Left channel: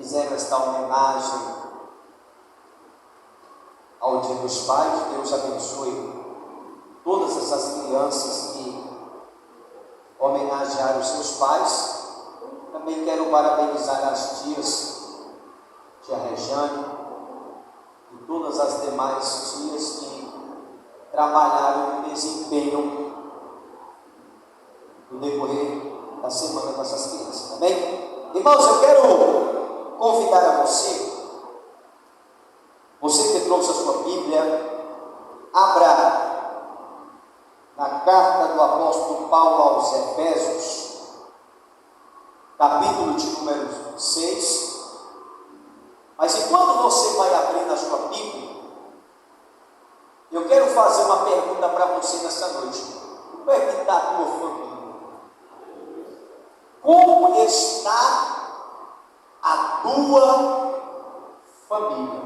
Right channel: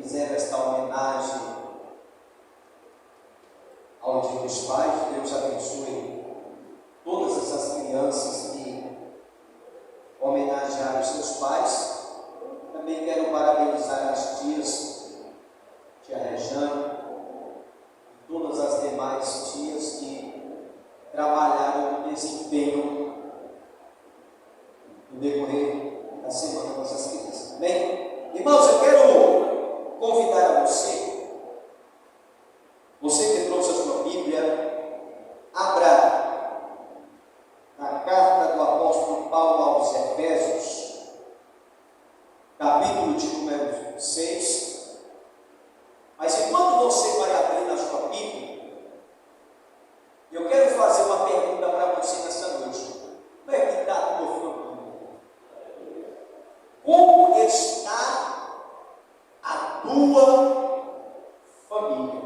fizeram esta homenagem ao Dia dos Pais. Deus abençoe todas essas crianças que homenagearam os seus pais. Também quero parabenizar as tias, tia Rejane e todas as demais tias que trabalharam no desempenho no decorrer da semana com essas crianças. Amém? Irmãos, eu quero convidar a você que trouxe a sua Bíblia, abra na carta do apóstolo Paulo aos Efésios, capítulo de número 6. Mas enquanto você vai abrir na sua Bíblia, eu quero fazer uma pergunta para você nessa noite. Como é que está a tua família? Como está a tua família?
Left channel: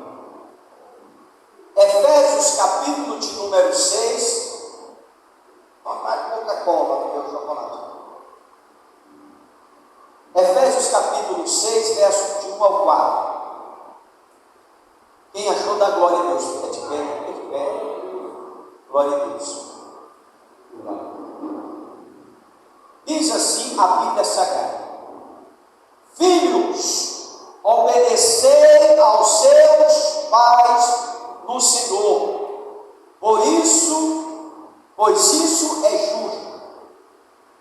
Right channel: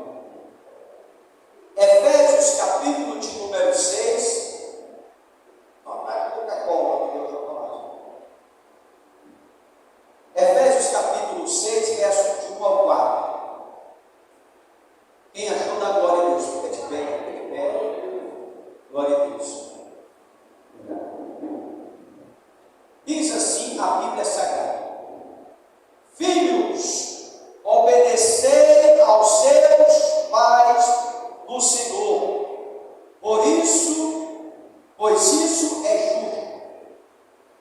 Efésios capítulo de número 6. Vai Coca-Cola, meu chocolate. Efésios capítulo 6, verso de 1 ao 4. Quem achou da glória a Deus? Fica de pé, fica de pé. Glória a Deus. Diz assim a Bíblia Sagrada: Filhos, obedecei aos seus pais no Senhor, pois isso é justo.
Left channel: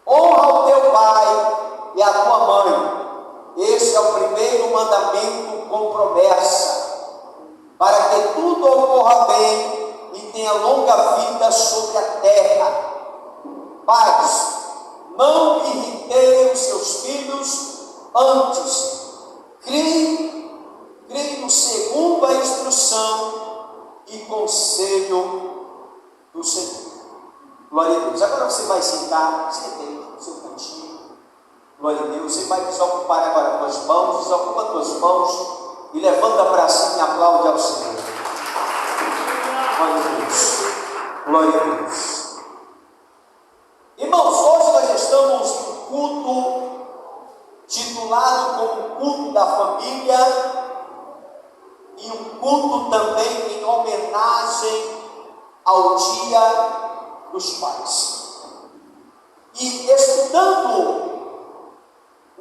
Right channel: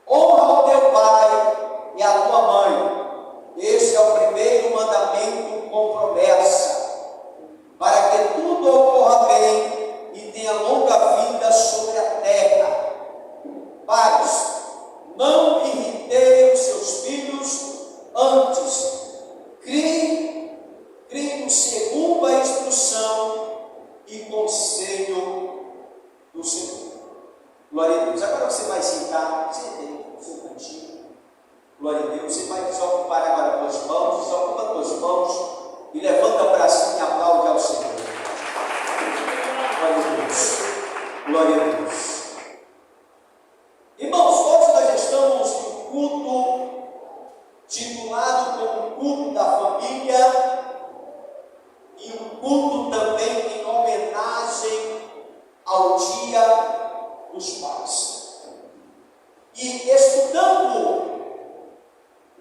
Honra o teu pai e a tua mãe. Este é o primeiro mandamento com promessa, para que tudo ocorra bem e tenha longa vida sobre a terra. Pais, não irritei os seus filhos, antes crie segundo a instrução e conselho do Senhor. Glória a Deus. Agora você vai sentar, sente no seu cantinho. Glória a Deus. Você vai desocupar agora as tuas mãos, desocupa as tuas mãos e levanta para cima e aplaude ao Senhor. Glória a Deus. Glória a Deus. Irmãos, hoje nós estamos no culto titulado como culto da família, e um culto também em homenagem ao Dia dos Pais. E estudando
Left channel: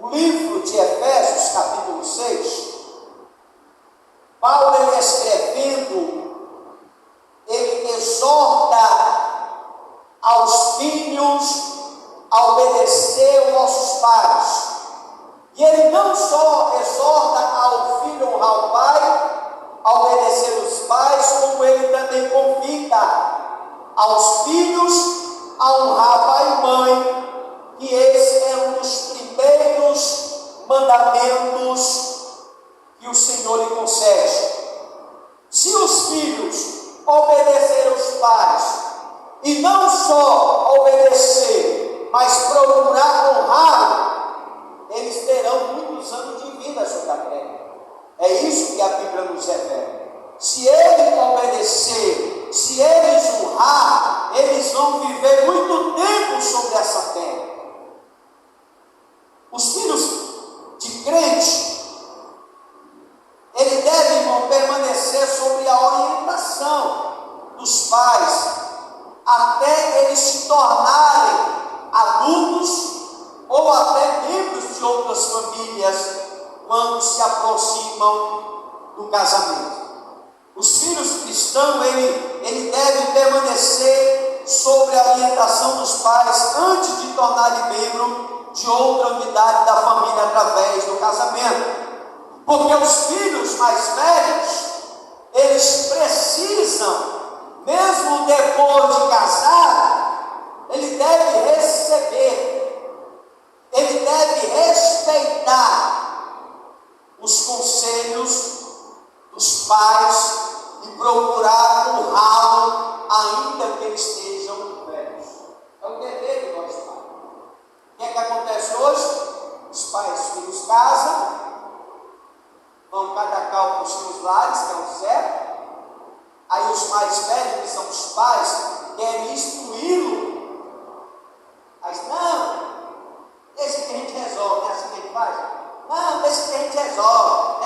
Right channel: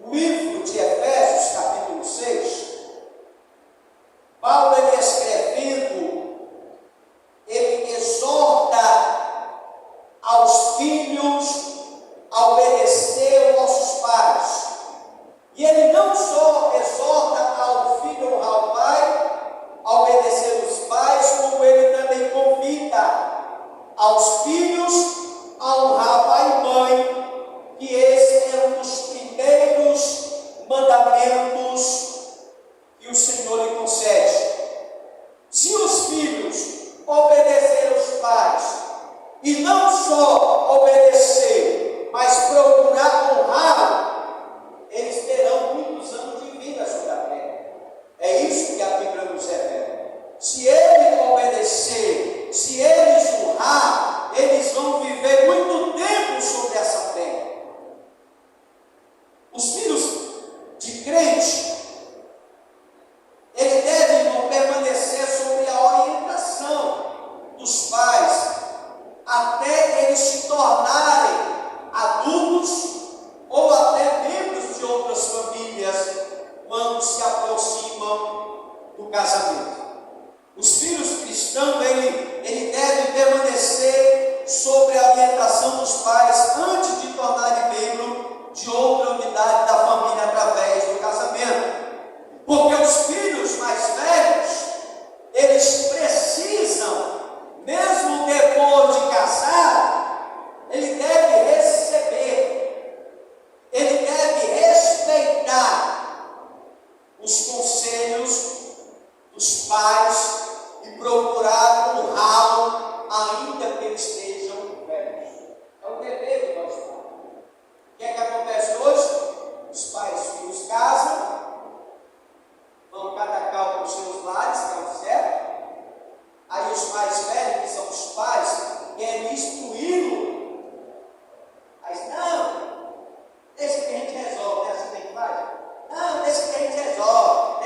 o livro de Efésios, capítulo 6, Paulo, ele escrevendo, ele exorta aos filhos a obedecer aos nossos pais. E ele não só exorta ao filho a honrar o pai, a obedecer os pais, como ele também convida aos filhos a honrar pai e mãe, que esse é um dos primeiros mandamentos que o Senhor lhe concede. Se os filhos obedecerem aos pais, e não só obedecer, mas procurar honrar, eles terão muitos anos de vida sobre a terra. É isso que a Bíblia nos revela. Se ele obedecer, se eles honrar, eles vão viver muito tempo sobre essa terra. Os filhos de crente, eles devem permanecer sobre a orientação dos pais, até eles se tornarem adultos ou até membros de outras famílias, quando se aproximam do casamento. Os filhos cristãos, ele deve permanecer sob a orientação dos pais antes de tornar membro de outra unidade da família através do casamento. Porque os filhos mais velhos, eles precisam, mesmo depois de casar, ele deve receber, ele deve respeitar os conselhos dos pais e procurar honrá-lo, ainda que eles estejam velhos. É o dever de nós pais. O que é que acontece hoje? Os pais e os filhos casam, vão cada qual para os seus lares, que é o certo. Aí os mais velhos, que são os pais, querem instruí-lo. Mas não, deixa que a gente resolve, é assim que a gente faz. Não, deixa que a gente resolve.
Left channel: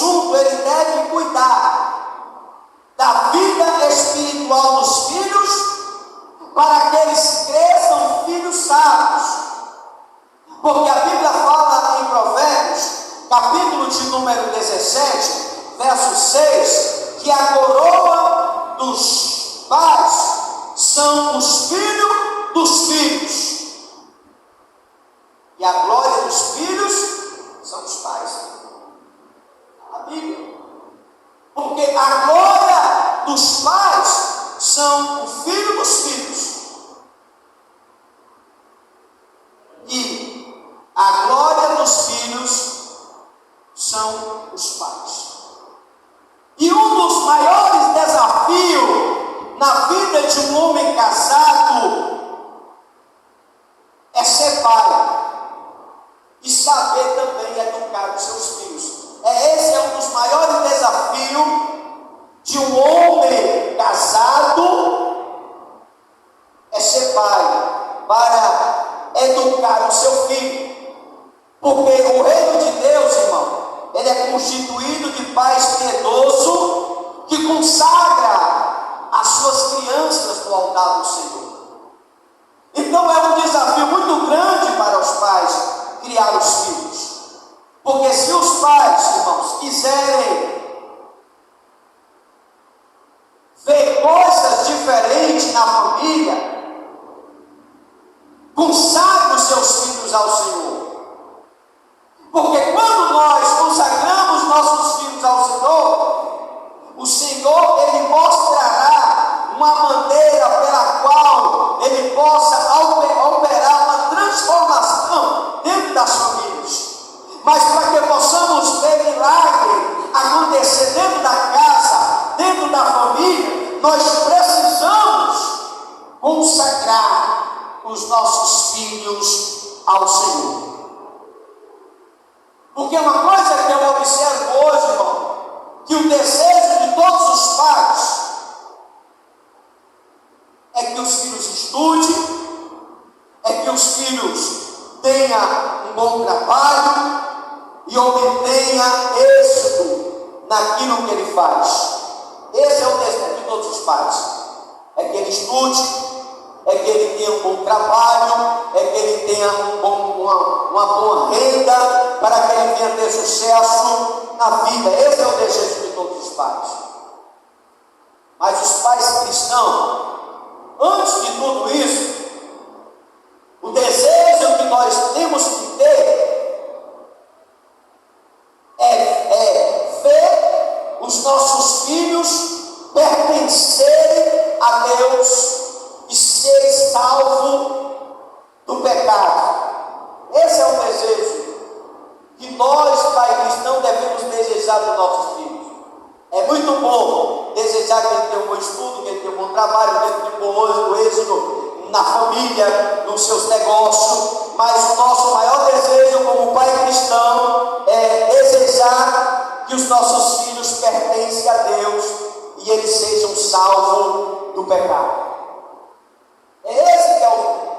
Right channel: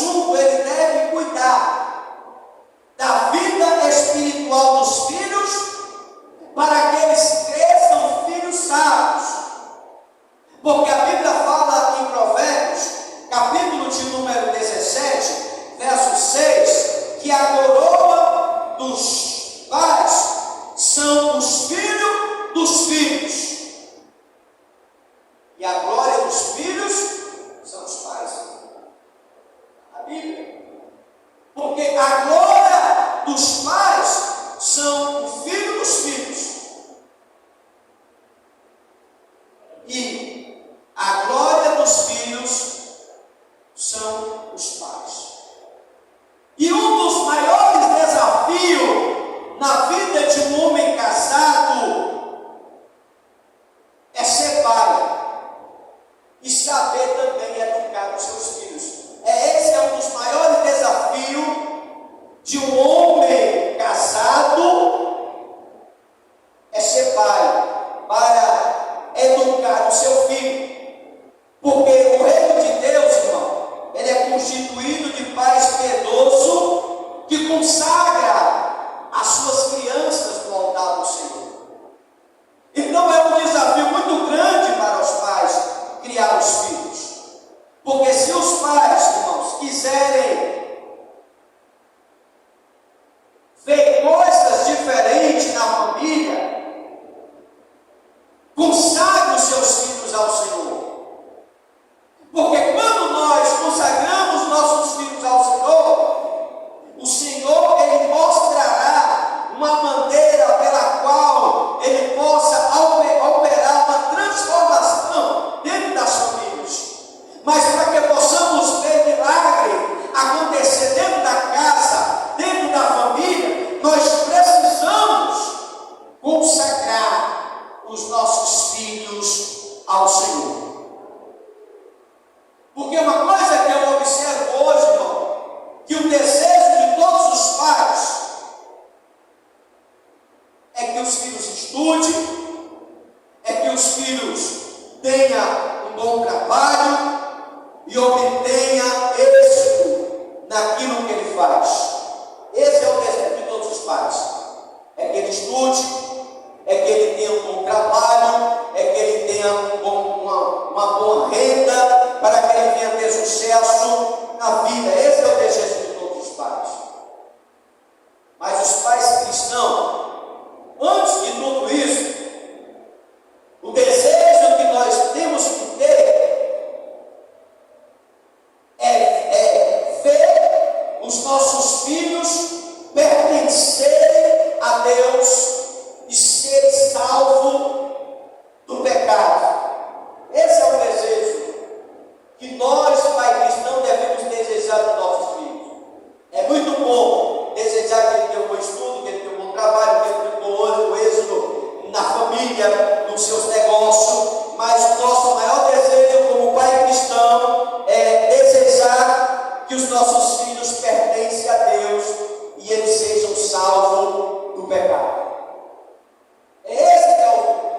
conjunto, ele deve cuidar da vida espiritual dos filhos, para que eles cresçam filhos sábios. Porque a Bíblia fala em Provérbios, capítulo de número 17, verso 6, que a coroa dos pais são os filhos dos filhos, e a glória dos filhos são os pais. A Bíblia. Porque a glória dos pais são o filho dos filhos, e a glória dos filhos são os pais. E um dos maiores desafios na vida de um homem casado é ser pai e saber também educar os seus filhos. Esse é um dos maiores desafios de um homem casado, é ser pai, para educar o seu filho. Porque o reino de Deus, irmão, ele é constituído de pais piedosos que consagra as suas crianças no altar do Senhor. Então é um desafio muito grande para os pais criar os filhos. Porque se os pais, irmãos, quiserem ver coisas diferentes na família, consagre os seus filhos ao Senhor. Porque quando nós consagramos nossos filhos ao Senhor, o Senhor, ele mostrará uma maneira pela qual ele possa operar uma transformação dentro das famílias. Mas para que possamos ver milagre acontecer dentro da casa, dentro da família, nós precisamos consagrar os nossos filhos ao Senhor. Porque uma coisa que eu observo hoje, irmão, que o desejo de todos os pais é que os filhos estudem, é que os filhos tenham um bom trabalho e obtenha êxito naquilo que ele faz. Esse é o desejo de todos os pais. É que ele estude, é que ele tenha um bom trabalho, é que ele tenha uma boa renda, para que ele venha ter sucesso na vida. Esse é o desejo de todos os pais. Mas os pais cristãos, antes de tudo isso, o desejo que nós temos que ter é ver os nossos filhos pertencerem a Deus e serem salvos do pecado. Esse é o desejo que nós, pai cristão, devemos desejar para os nossos filhos. É muito bom desejar que ele tenha um bom estudo, que ele tenha um bom trabalho, que ele tenha um bom êxito na família, nos seus negócios, mas o nosso maior desejo como pai cristão é desejar que os nossos filhos pertencem a Deus e eles sejam salvos do pecado. Esse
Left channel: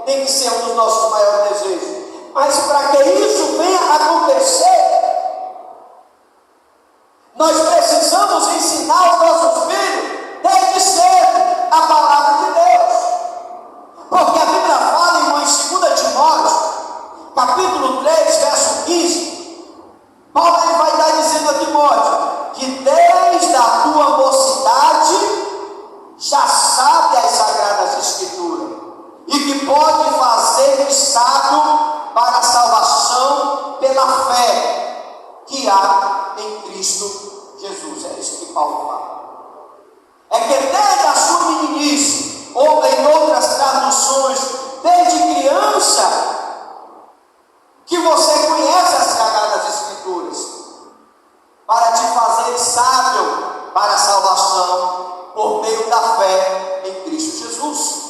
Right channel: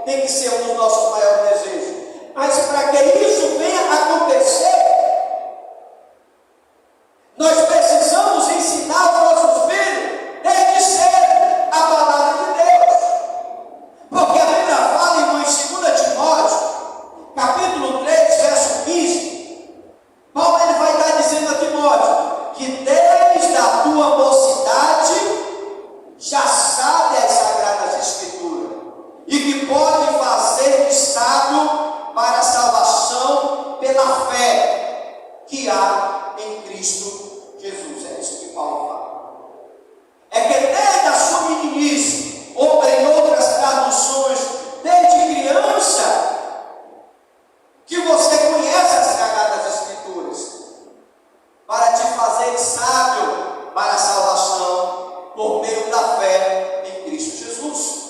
tem que ser um dos nossos maiores desejos. Mas para que isso venha a acontecer, nós precisamos ensinar os nossos filhos desde cedo a palavra de Deus. Porque a Bíblia fala, irmão, em 2 Timóteo, capítulo 3, verso 15, Paulo ele vai estar dizendo a Timóteo que desde a tua mocidade já sabe as sagradas escrituras e que pode fazer de sábio para a salvação pela fé que há em Cristo Jesus. É isso que Paulo fala. É que desde a sua meninice, ou em outras traduções, desde criança, que você conhece as sagradas escrituras, para te fazer sábio para a salvação por meio da fé em Cristo Jesus.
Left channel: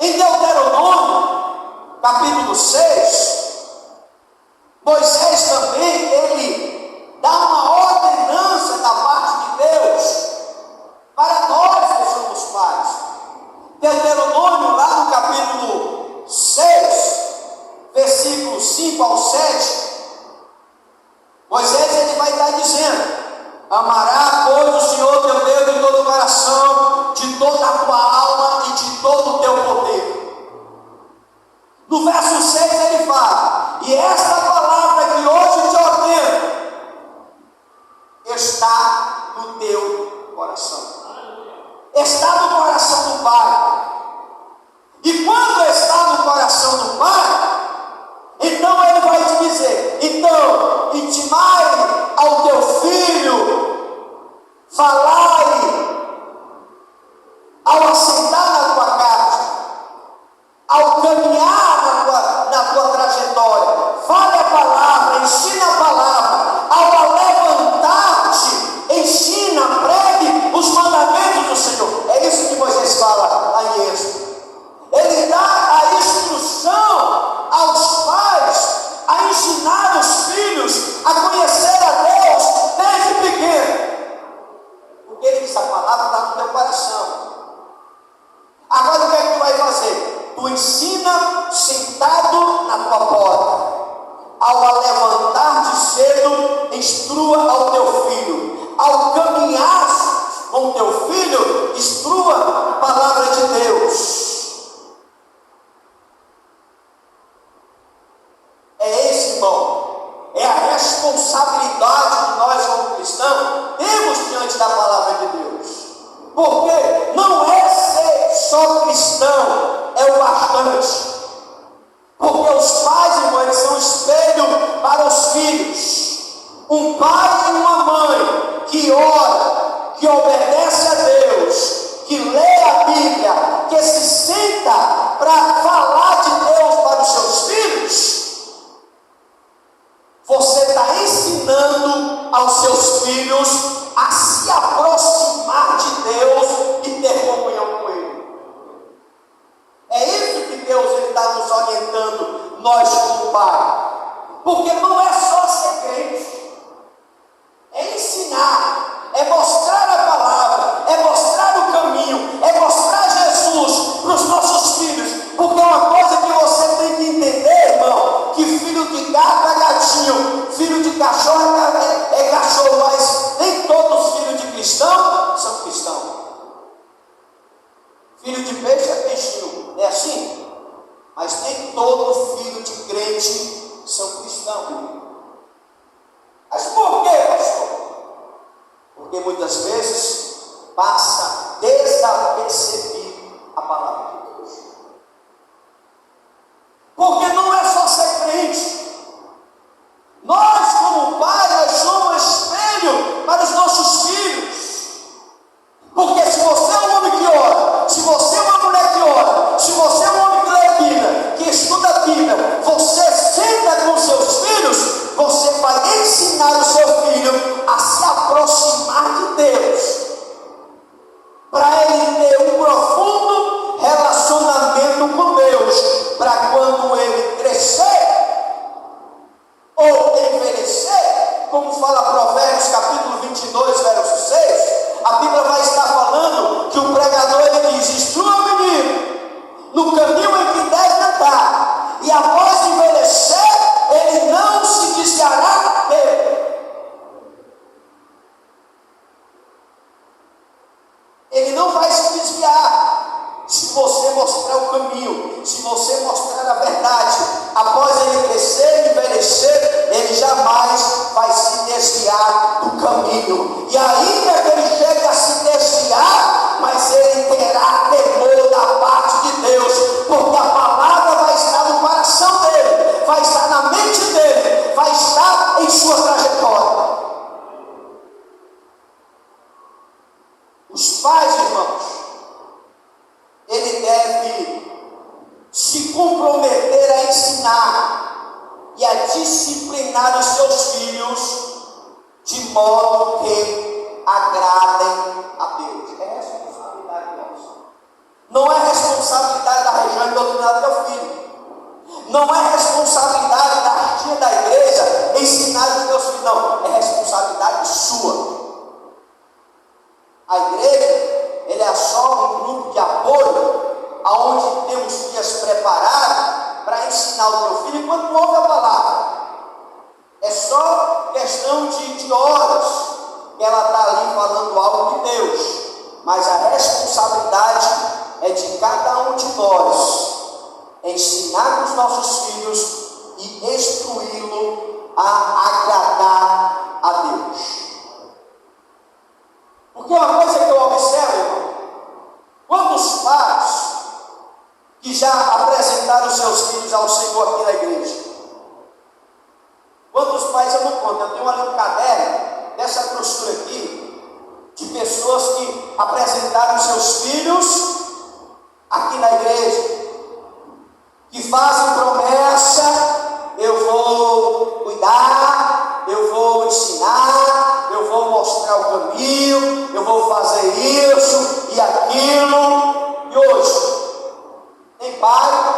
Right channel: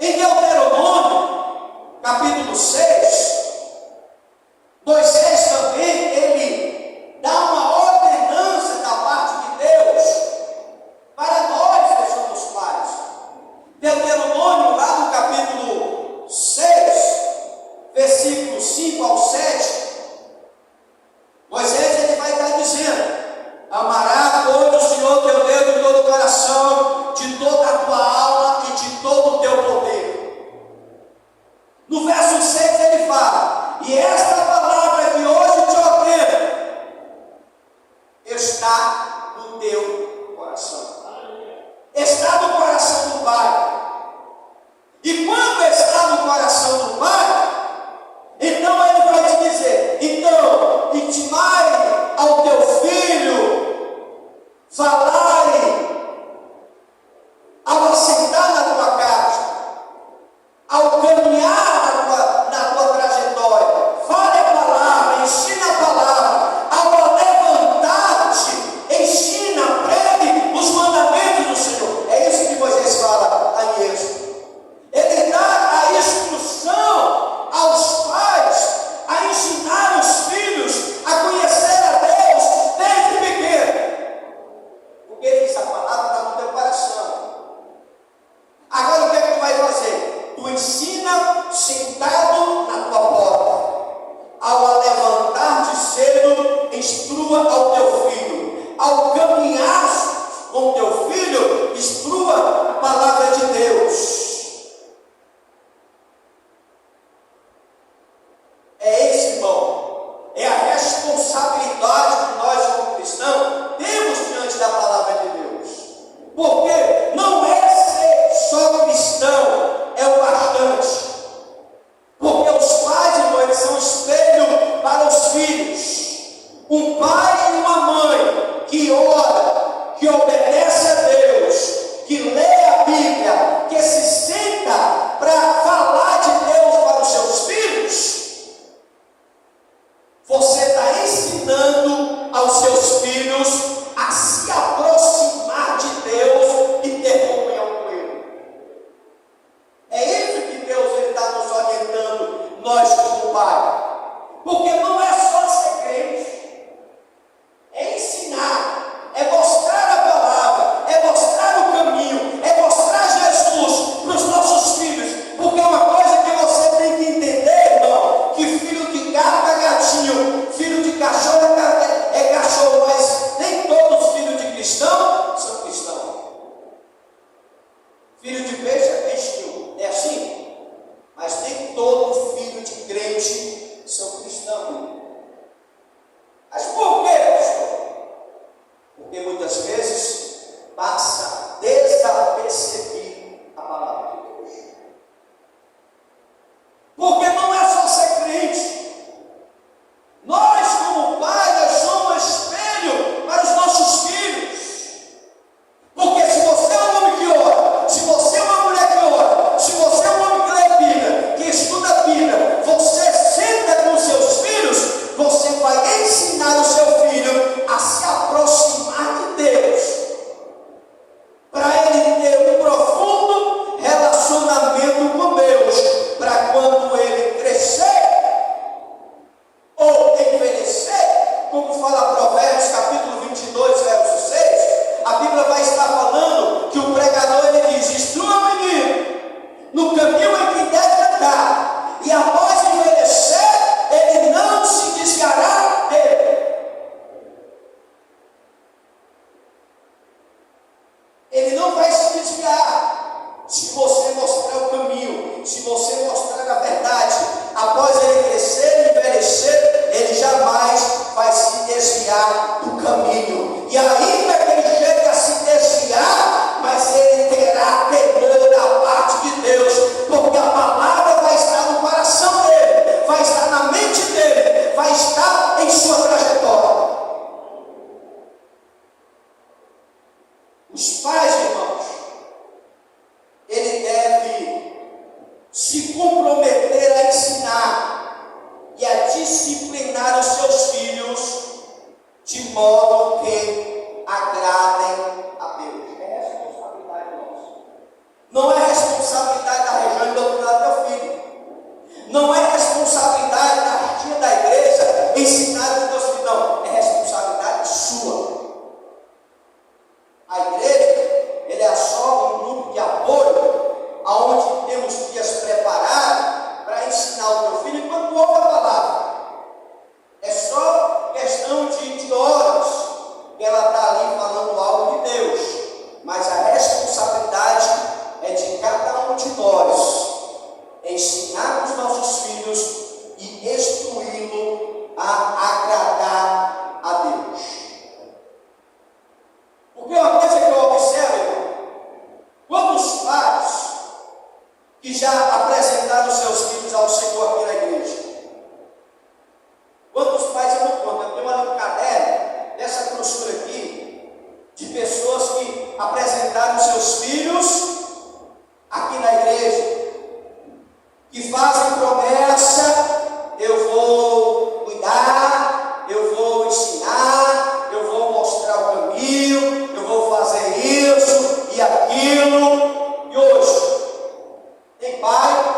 Em Deuteronômio, capítulo 6, Moisés também, ele dá uma ordenança Porque não é ser só cristão, é o bastante. Porque os pais, irmãos, eles são espelho para os filhos. Um pai e uma mãe que ora, que obedece a Deus, que lê a Bíblia, que se senta para falar de Deus para os seus filhos, você está ensinando aos seus filhos a se aproximar de Deus e ter comunhão com Ele. É isso que Deus está nos orientando, nós como Pai. Porque não é só ser crente, é ensinar, é mostrar a palavra, é mostrar o caminho, é mostrar Jesus para os nossos filhos. Porque é uma coisa que você tem que entender, irmão, que filho de gato é gatinho, filho de cachorro é cachorro, mas nem todos os filhos de cristão são cristãos. Filho de peixe é peixinho, é assim? Mas nem todo filho de crente são cristãos. Mas por quê, pastor? Porque muitas vezes passa desapercebido a palavra de Deus. Porque não é só ser crente. Nós, como pai, nós somos espelho para os nossos filhos. Porque se você é um homem que ora, se você é uma mulher que ora, se você é um homem que lê a Bíblia, que estuda a Bíblia, você senta com seus filhos, você vai ensinar o seu filho a se aproximar de Deus, para ele ter um profundo relacionamento com Deus, para quando ele crescer ou envelhecer, como fala Provérbios capítulo 22, verso 6, a Bíblia vai estar falando que o pregador ele diz: instrua o menino no caminho em que deve andar, e após envelhecer, ele não se desviará dele. Ele não vai se desviar se você mostrar o caminho, se você mostrar a verdade. Após ele crescer e envelhecer, ele jamais vai se desviar do caminho. E ainda que ele chegue a se desviar, mas ele terá temor da parte de Deus, porque a palavra vai estar no coração dele, vai estar na mente dele, vai estar em sua trajetória. Os pais, irmãos, ele deve se comprometer a ensinar e a disciplinar os seus filhos de modo que agradem a Deus. É responsabilidade nossa. Não é responsabilidade da região doutrinária do teu filho. Não é responsabilidade da tia da igreja ensinar os teus filhos. Não, é responsabilidade sua. A igreja, ele é só um grupo de apoio, aonde temos dias preparados para ensinar o teu filho enquanto ouve a palavra. É só questão de horas que ela está ali falando algo de Deus, mas a responsabilidade é de cada um de nós ensinar os nossos filhos e instruí-lo a agradar a Deus. Porque uma coisa que eu observo, irmão, quantos pais que já apresentaram seus filhos ao Senhor aqui na igreja? Quantos pais eu não conto? Eu tenho ali um caderno dessa grossura aqui, de pessoas que apresentaram seus filhos aqui na igreja, que fazem promessa: eu vou cuidar, eu vou ensinar, eu vou mostrar o caminho, eu vou fazer isso e aquilo. E hoje, nem pai,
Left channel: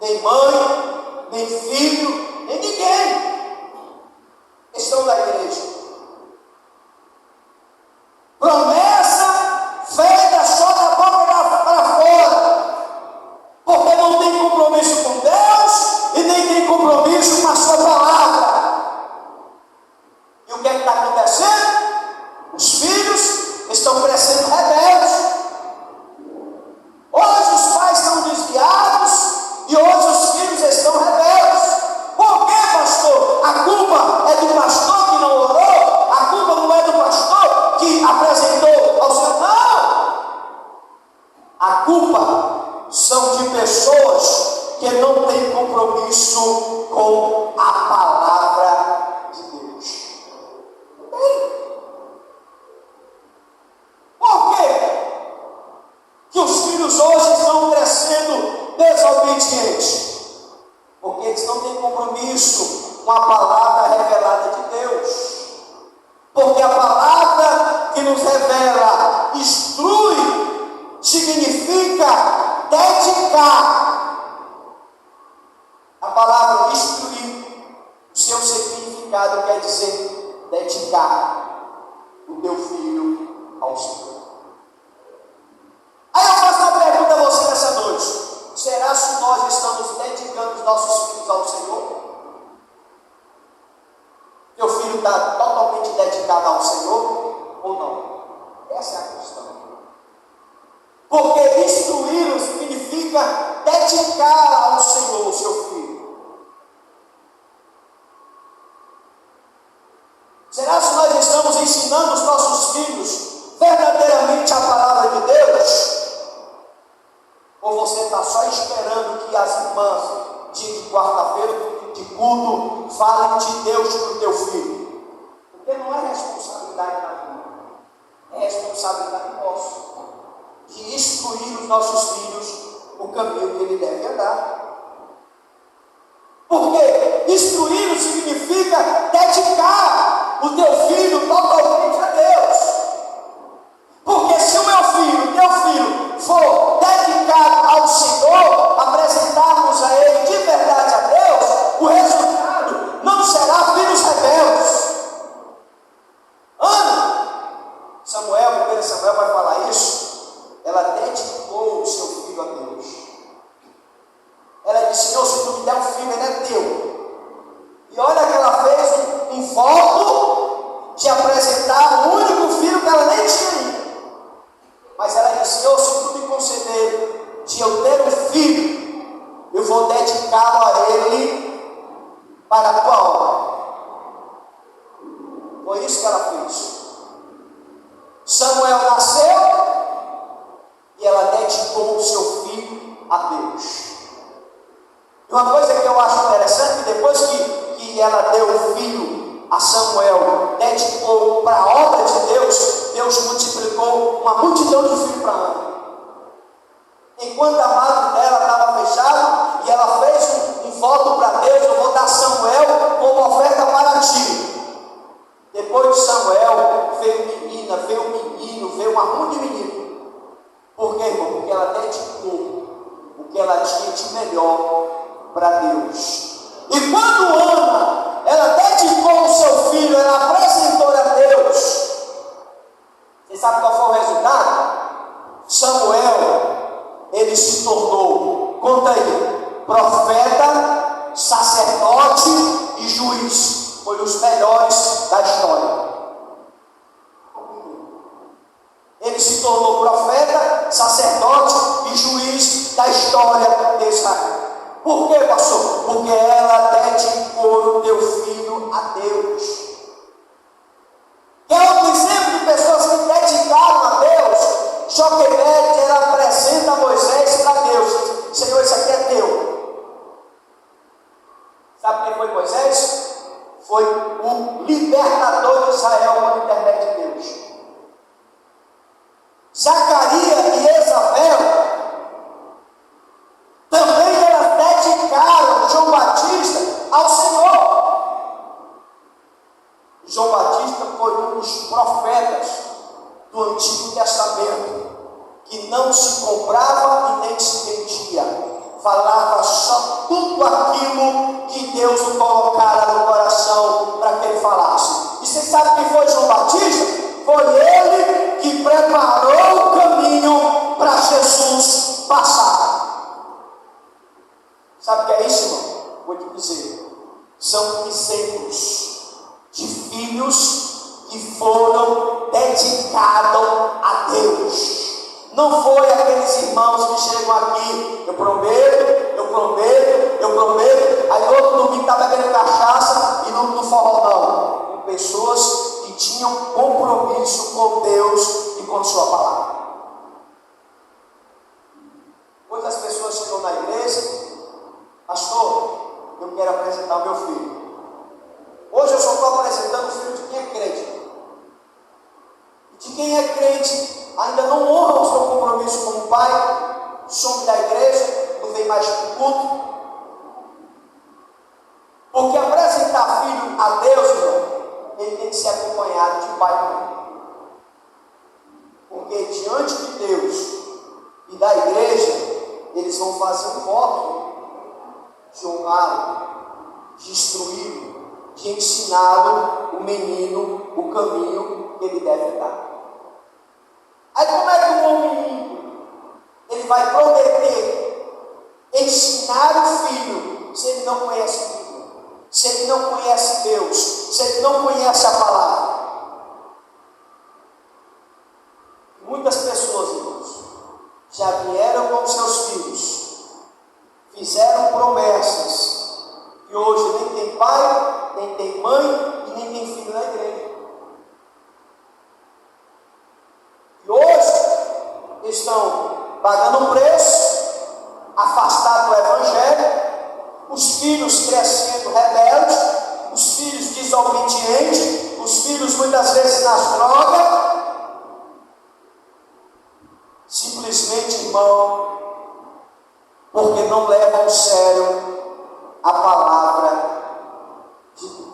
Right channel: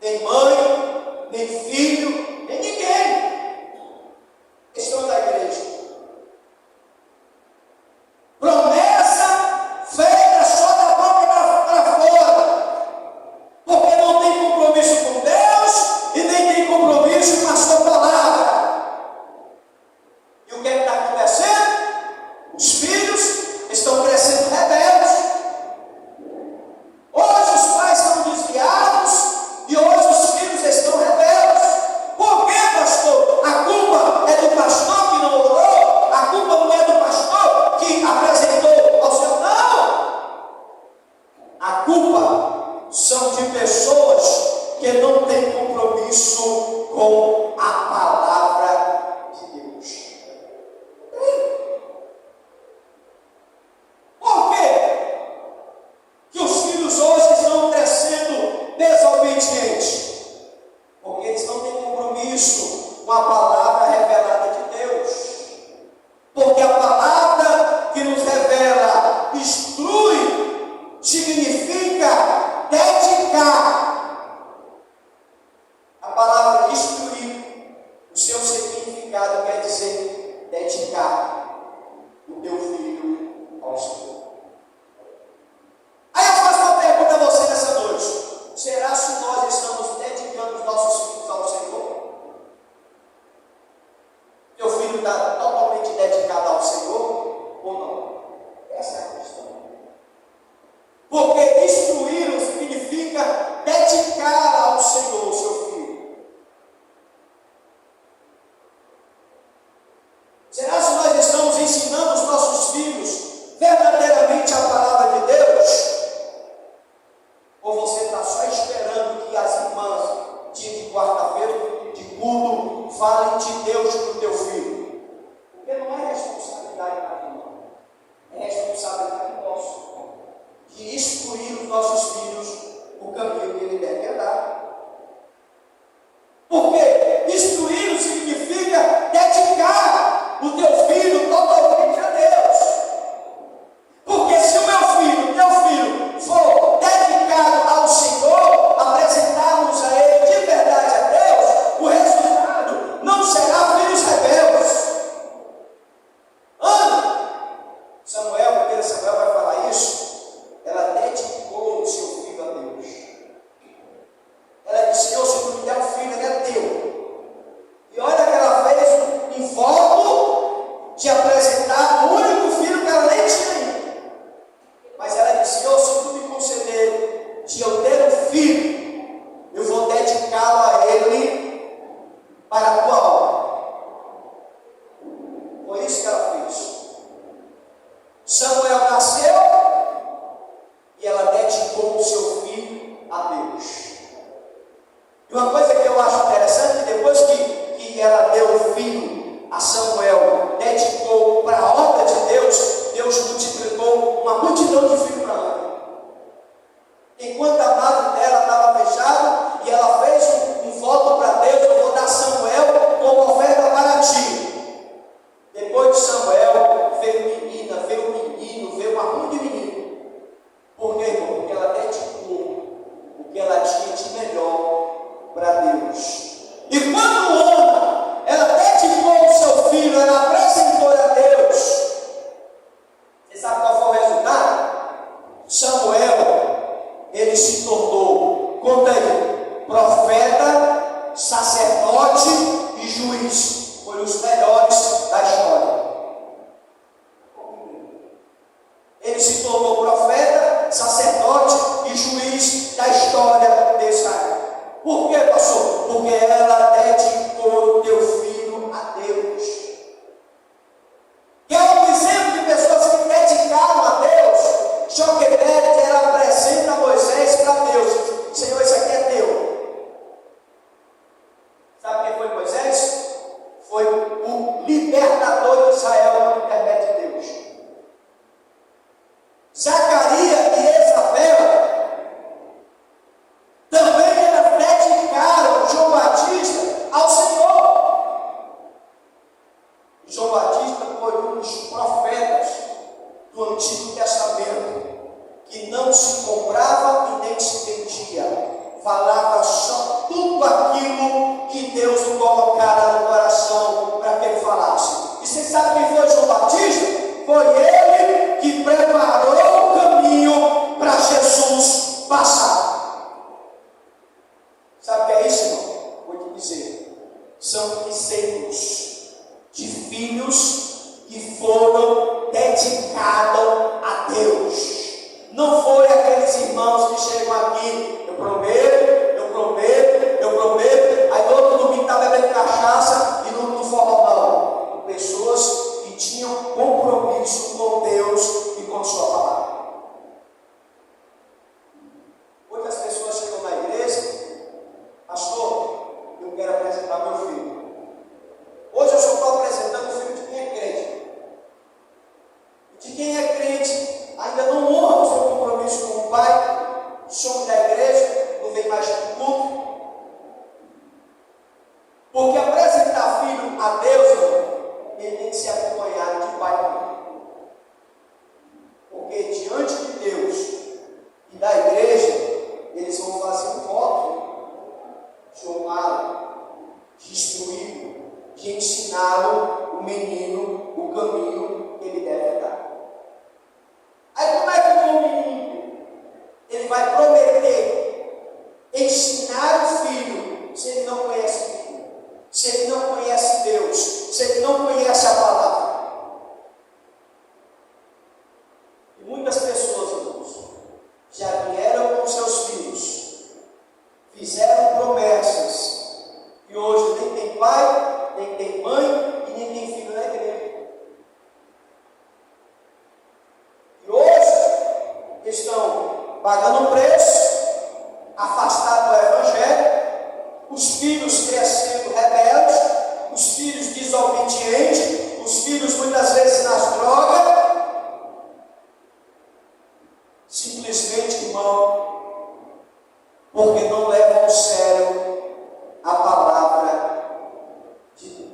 nem mãe, nem filho, nem ninguém estão na igreja. Promessa feita só da boca para fora, porque não tem compromisso com Deus e nem tem compromisso com a sua palavra. E o que está acontecendo? Os filhos estão crescendo rebeldes. Hoje os pais estão desviados e hoje os filhos estão rebeldes. Por quê, pastor? A culpa é do pastor que não orou? A culpa não é do pastor que apresentou ao Senhor? Não! dedicar o teu filho ao Senhor. Aí eu faço uma pergunta a você nessa noite: será que nós estamos dedicando os nossos filhos ao Senhor? Teu filho está totalmente dedicado ao Senhor ou não? Essa é a questão. Porque instruí-lo significa dedicar ao Senhor o seu filho. Será que nós estamos ensinando os nossos filhos verdadeiramente a palavra de Deus? Ou você está só esperando que as irmãs, dia de quarta-feira, de culto, falem de Deus para o teu filho? Porque não é responsabilidade da irmã, é responsabilidade nossa de instruir os nossos filhos o caminho que ele deve andar. Porque instruí-lo significa dedicar o teu filho totalmente a Deus. Porque se o teu filho for dedicado ao Senhor, apresentarmos a ele de verdade a Deus, o resultado não será filhos rebeldes. Samuel, 1 Samuel vai falar isso. Ela dedicou o seu filho a Deus. Ela disse: Senhor, se tu me der um filho, ele é teu. E olha que ela fez um voto de apresentar o único filho que ela nem tinha ainda. Mas ela disse: Senhor, se tu me conceder de eu ter um filho, eu vou dedicá-lo a ele para a tua obra. Foi isso que ela fez. Samuel nasceu e ela dedicou o seu filho a Deus. E uma coisa que eu acho interessante, depois que ela deu o filho a Samuel, dedicou para a obra de Deus, Deus multiplicou uma multidão de filhos para ela. Enquanto a madre dela estava fechada, e ela fez um voto para Deus: eu vou dar Samuel como oferta para ti. Depois de Samuel, veio menina, veio menino, veio uma monte de menino. Por quê, irmão? Porque ela dedicou o que ela tinha de melhor para Deus. E quando Ana, ela dedicou o seu filho, ela apresentou a Deus, você sabe qual foi o resultado? Samuel, ele se tornou, conta aí, profeta, sacerdote e juiz. Foi os melhores da história. Ele se tornou profeta, sacerdote e juiz da história de Israel. Por quê, pastor? Porque ela dedicou o teu filho a Deus. Quer um exemplo de pessoas que dedicaram a Deus? Joquebede, ela apresenta Moisés para Deus: Senhor, isso aqui é teu. Sabe quem foi Moisés? Foi o libertador de Israel por intermédio de Deus. Zacarias e Isabel também elas dedicaram João Batista ao Senhor. João Batista foi um dos profetas do Antigo Testamento que não se comprava e nem se vendia. Falava só tudo aquilo que Deus lhe colocara no coração para que ele falasse. E você sabe quem foi João Batista? Foi ele que preparou o caminho para Jesus passar. Sabe o que é isso, irmão? Vou te dizer: são exemplos de filhos que foram dedicados a Deus. Não foi aqueles irmãos que chegam aqui: eu prometo, eu prometo, eu prometo, aí todo domingo está bebendo cachaça e no forró, não. Pessoas que tinham compromisso com Deus e com a sua palavra. Muitas pessoas chegam na igreja: pastor, eu quero apresentar meu filho. Hoje eu só estou apresentando o filho de quem é crente. E de quem é crente ainda não honra o seu compromisso com o pai, some da igreja, não vem mais para o culto. Porque apresentar filho a Deus, irmão, ele tem que ser acompanhado de pai. Porque diante de Deus e da igreja, eles vão fazer um voto de honrá-lo, de instruí-lo, de ensiná-lo, o menino, estão pagando um preço, afastados do Evangelho, os filhos crescendo rebeldes, os filhos desobedientes, os filhos muitas vezes nas drogas. Simplesmente, irmão, porque não levam a sério a palavra de Deus.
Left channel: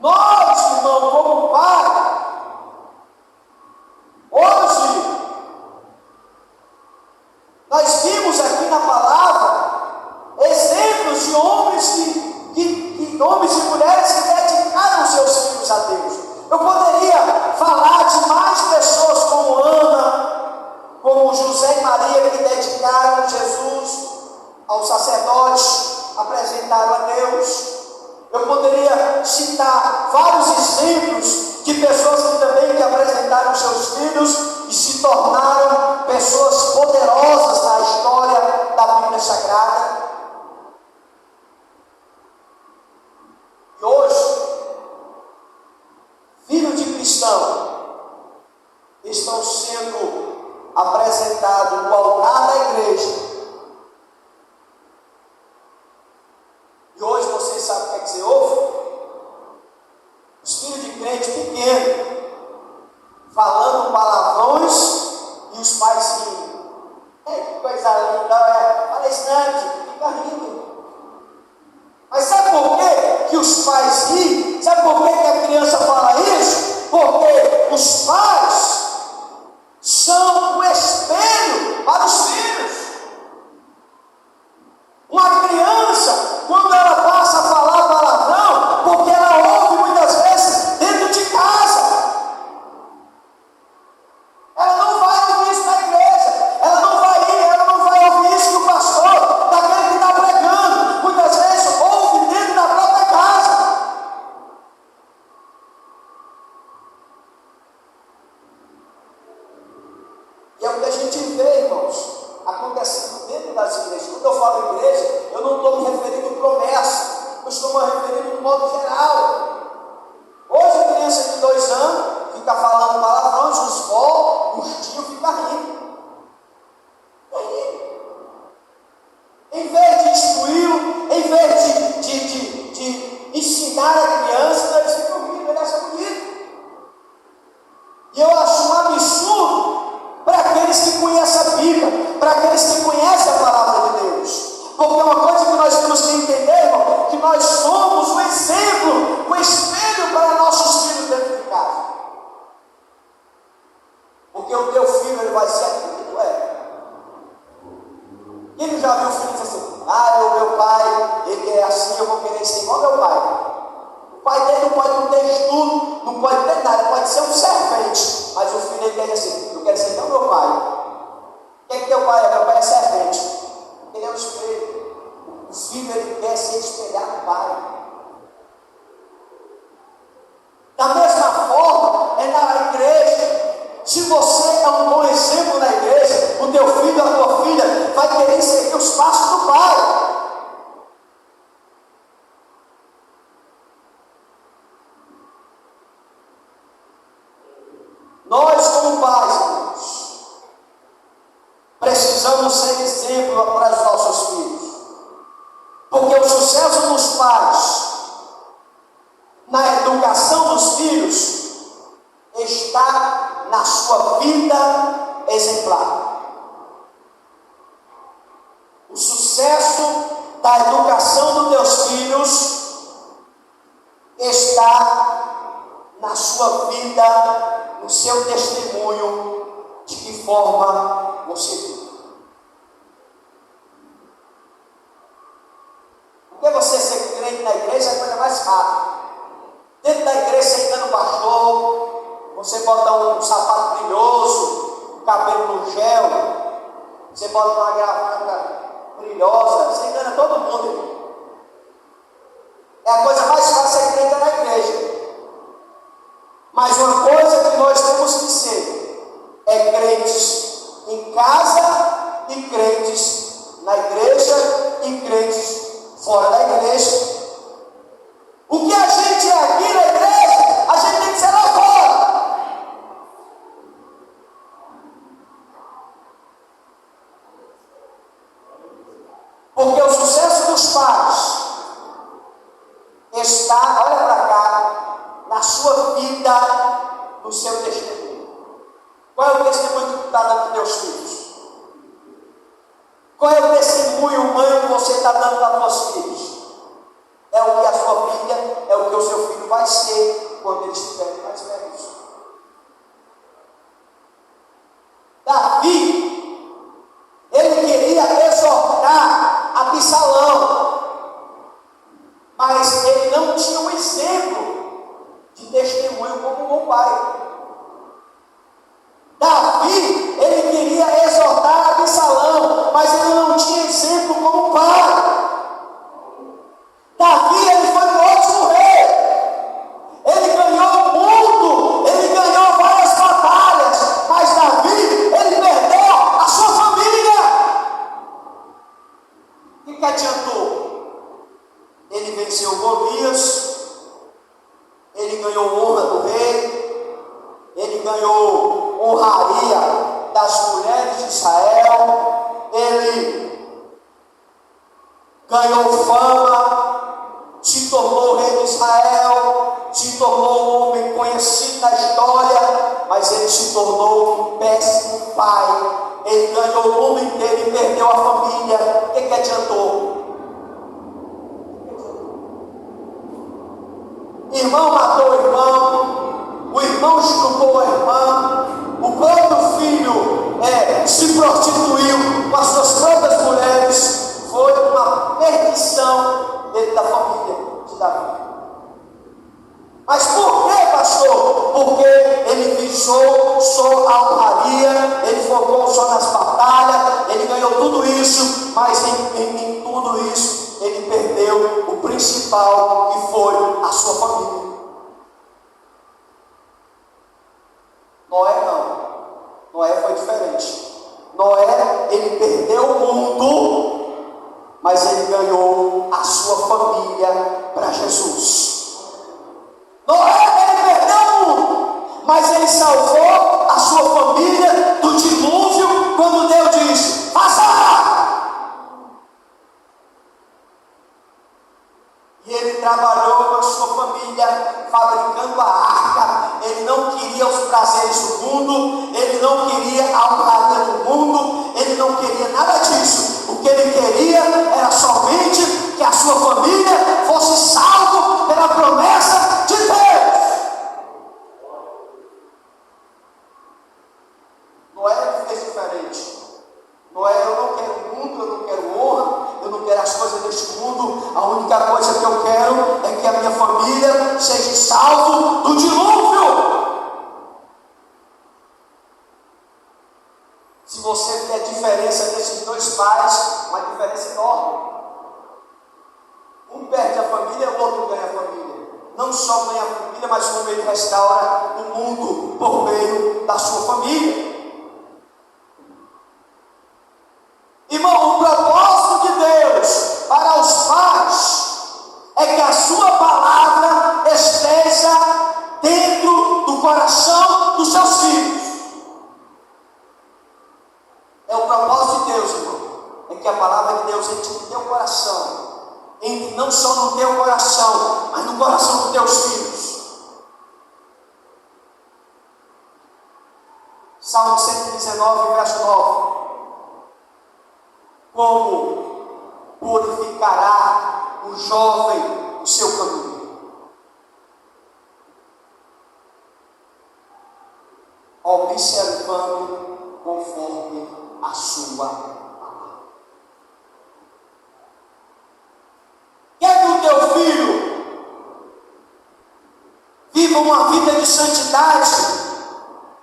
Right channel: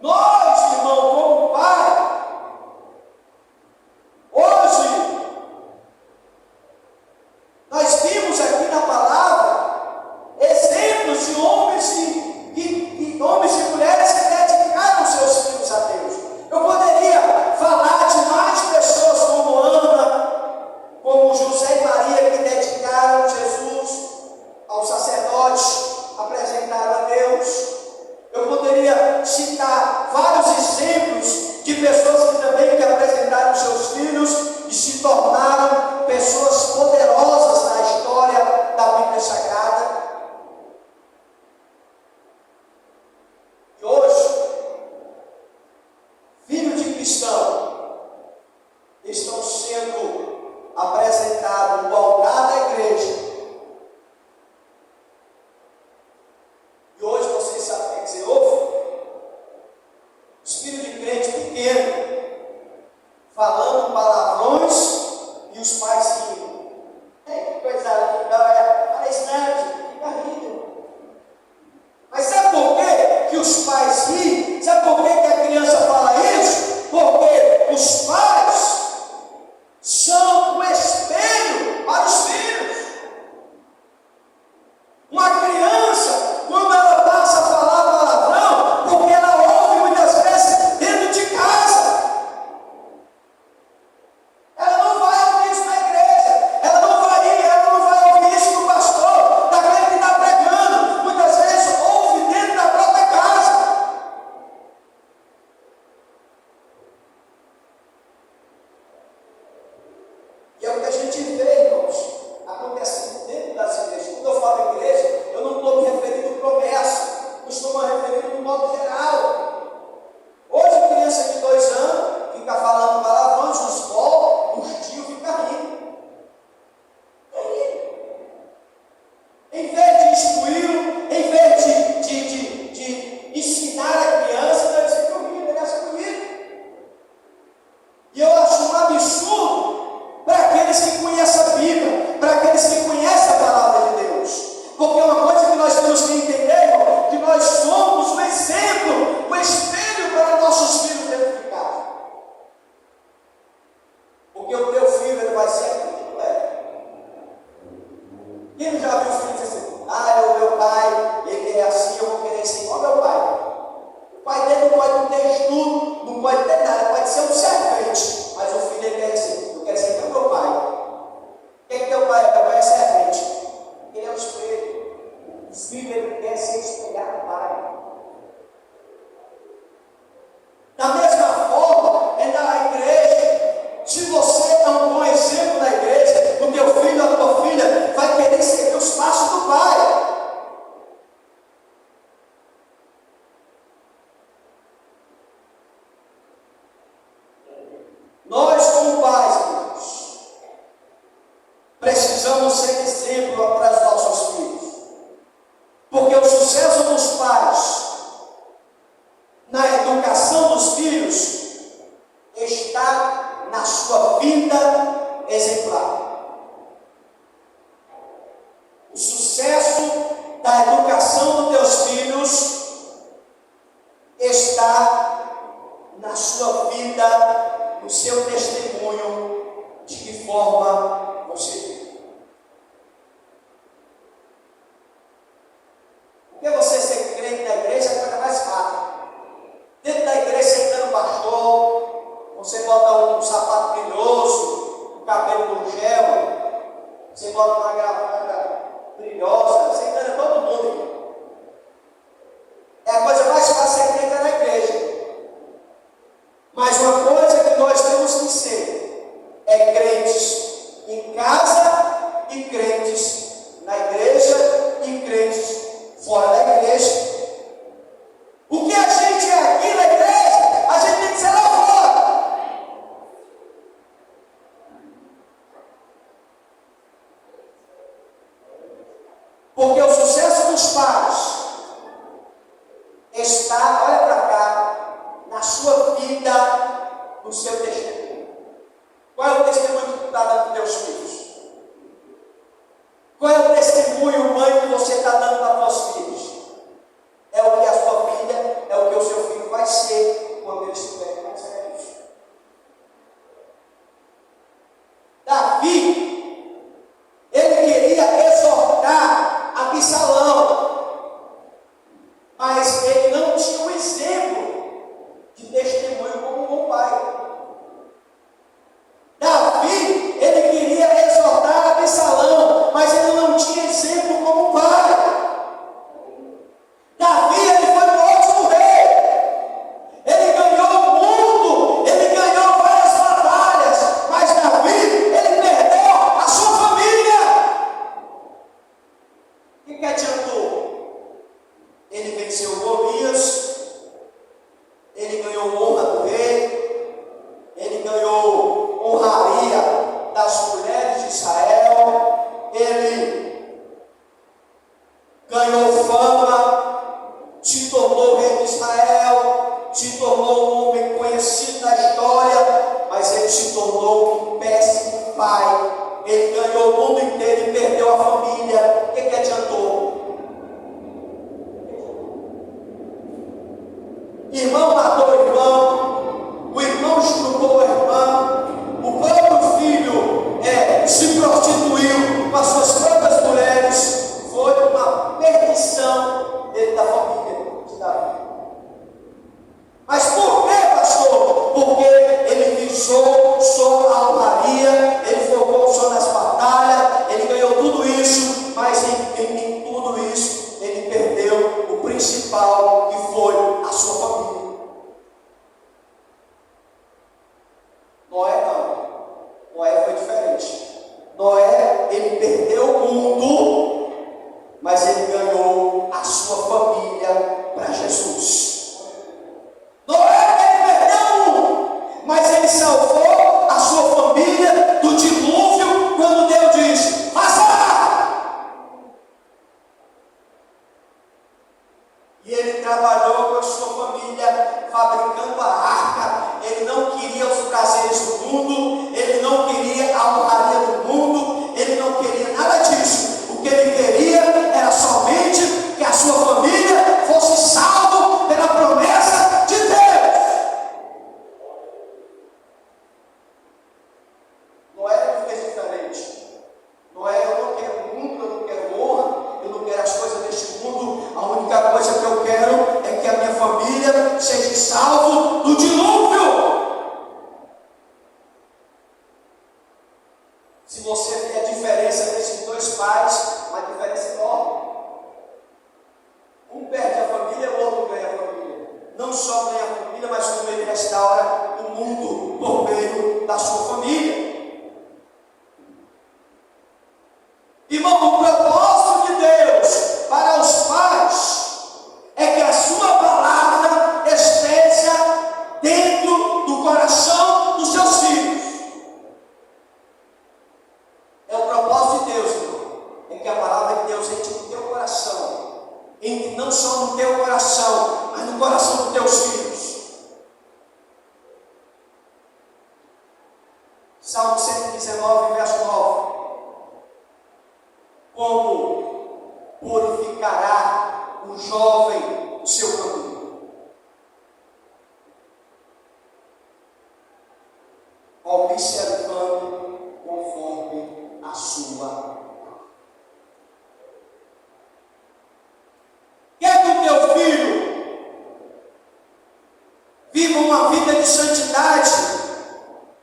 Nós, irmão, como pai, hoje, nós vimos aqui na palavra exemplos de homens homens e mulheres que dedicaram seus filhos a Deus. Eu poderia falar de mais pessoas como Ana, como José e Maria, que dedicaram Jesus aos sacerdotes, apresentaram a Deus. Eu poderia citar vários exemplos de pessoas que também apresentaram seus filhos e se tornaram pessoas poderosas na história da Bíblia Sagrada. E hoje, filhos de cristão estão sendo apresentados no altar da igreja. E hoje você sabe o que é que você ouve? Os filhos de crente pequeno falando palavrões e os pais rindo. Que coisa linda, palestrante, fica rindo. Mas sabe por quê que os pais riem? Sabe por quê que a criança fala isso? Porque os pais são o espelho para os filhos. Uma criança, quando ela passa a falar palavrão, porque ela ouve muitas vezes dentro de casa, ela não vai ouvir isso na igreja, ela não vai ouvir isso do pastor, daquele que está pregando, muitas vezes ouve dentro da própria casa. E é o que a gente vê, irmãos, acontecendo dentro das igrejas. Quando eu falo igreja, eu não estou me referindo a promessa, eu estou me referindo de modo geral. Hoje a criança de 2 anos fica falando palavrões, os vó, os tios ficam rindo. Em vez de instruí-lo, em vez de ensinar a criança, eles ficam rindo, eles acham bonito. E eu acho um absurdo para aqueles que conhecem a Bíblia, para aqueles que conhecem a palavra de Deus. Porque uma coisa que nós temos que entender, irmão, que nós somos o exemplo, o espelho para nossos filhos dentro de casa. Porque o teu filho, ele vai ser aquilo que tu é. Quem já viu o filho dizer assim, o meu pai, ele é assim, eu vou querer ser igual ao meu pai. O pai dele não pode ter estudo, não pode ter nada, pode ser um servente, mas o filho dele é assim, eu quero ser igual ao meu pai. O que é que teu pai é? Meu pai é servente. Ele é o espelho. O filho, ele quer ser espelhado no pai. Da mesma forma, é na igreja. Se você é um bom exemplo na igreja, o teu filho ou a tua filha vai querer seguir os passos do pai. Nós, como pais, irmãos, precisamos ser exemplo para os nossos filhos. Porque o sucesso dos pais na educação dos filhos está na sua vida exemplar. O sucesso da educação dos teus filhos está na sua vida, no seu testemunho, de que forma você vive. Porque você ser crente na igreja é a coisa mais fácil. Dentro da igreja, sentando o pastor, você bota um sapato brilhoso, o cabelo no gel, você bota uma gravata brilhosa, você engana todo mundo. É a coisa mais fácil ser crente na igreja. Mas uma coisa que nós temos que ser é crentes em casa no seu testemunho? Qual é o testemunho que tu está dando para teus filhos? Qual é o testemunho, mãe, que você está dando para teus filhos? É o que a sua filha, é o que o seu filho vai ser quando eles estiverem mais velhos. Davi, ele queria exortar Absalão, mas ele não tinha um exemplo de testemunho como um bom pai. Davi, ele queria exortar Absalão, mas ele não tinha exemplo como pai. Davi, ele foi um ótimo rei. Ele ganhou o mundo, ele ganhou várias batalhas, mas Davi, ele perdeu a sua família. O que adiantou? Ele venceu Golias, ele ganhou honra do rei, ele ganhou honraria das mulheres de Israel, ele ganhou fama, se tornou rei de Israel, se tornou um homem conhecido na história, mas ele se tornou um péssimo pai. Ele ganhou o mundo inteiro e perdeu a família. O que adiantou? Irmão matou o irmão estuprou a irmã, o próprio filho se prostituiu com as suas próprias mulheres. Foi uma perdição dentro da família de Davi. Mas por que, pastor? Porque ele visou só a honraria, ele focou só nas batalhas, ele ganhou tudo isso, mas em tudo isso ele perdeu o principal, que foi a sua família. Noé não. Noé foi diferente. Noé, ele perdeu o mundo, mas ele ganhou a sua família para Jesus. Noé, ele perdeu o mundo, mas ele salvou a sua família do dilúvio, quando Deus disse: faça! E ele trabalhou com a sua família, fabricando a arca. Ele não queria os prazeres do mundo, ele não queria a honraria do mundo, ele não queria nada disso. O que ele queria era somente que a sua família fosse salva pela promessa de Deus. Noé fez diferente. Noé, eu não quero mundo, eu não quero honra, eu não quero as coisas deste mundo. A única coisa que eu quero é que a minha família seja salva do dilúvio. Se você vê a diferença desses dois pais, uma diferença enorme. Um perde a família, o outro ganha a família. Não só ganha a família, mas como ele restaura o mundo por meio da sua família. Irmão, o propósito de Deus para os pais é que a sua palavra esteja dentro do coração dos seus filhos. É o propósito de Deus, irmão. É que a palavra de Deus entre no teu coração. Entre não só no teu coração, mas no coração dos teus filhos. Salmo 119, verso 9. Como purificará o jovem o seu caminho? Observando conforme a sua palavra. Quer que o teu filho viva uma vida de santidade,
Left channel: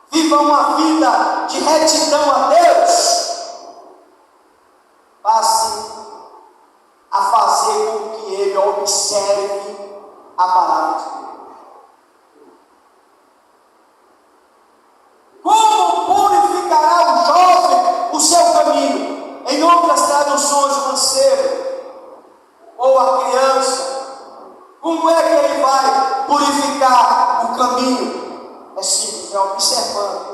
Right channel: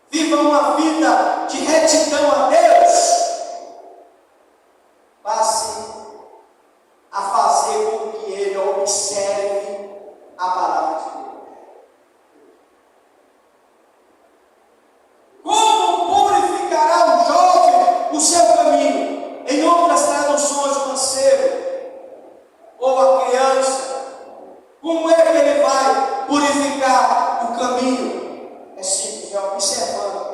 viva uma vida de retidão a Deus? Passe a fazer com que ele observe a palavra de Deus. Como purificará o jovem o seu caminho? Em outras traduções, o mancebo ou a criança, como é que ele vai purificar o caminho? É simples, é observando.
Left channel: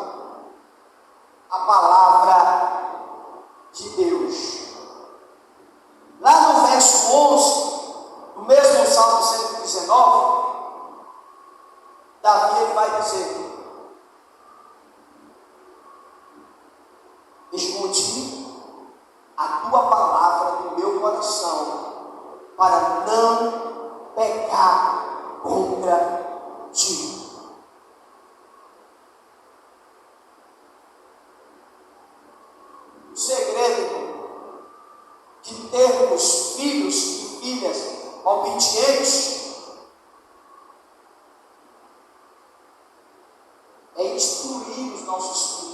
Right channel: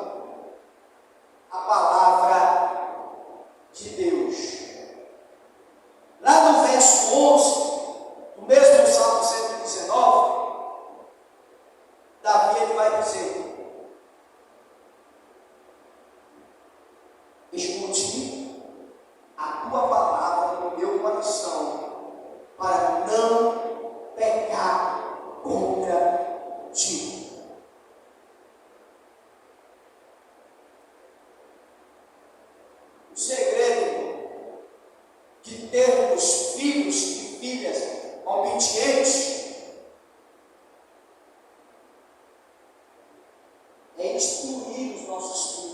é instruir os nossos filhos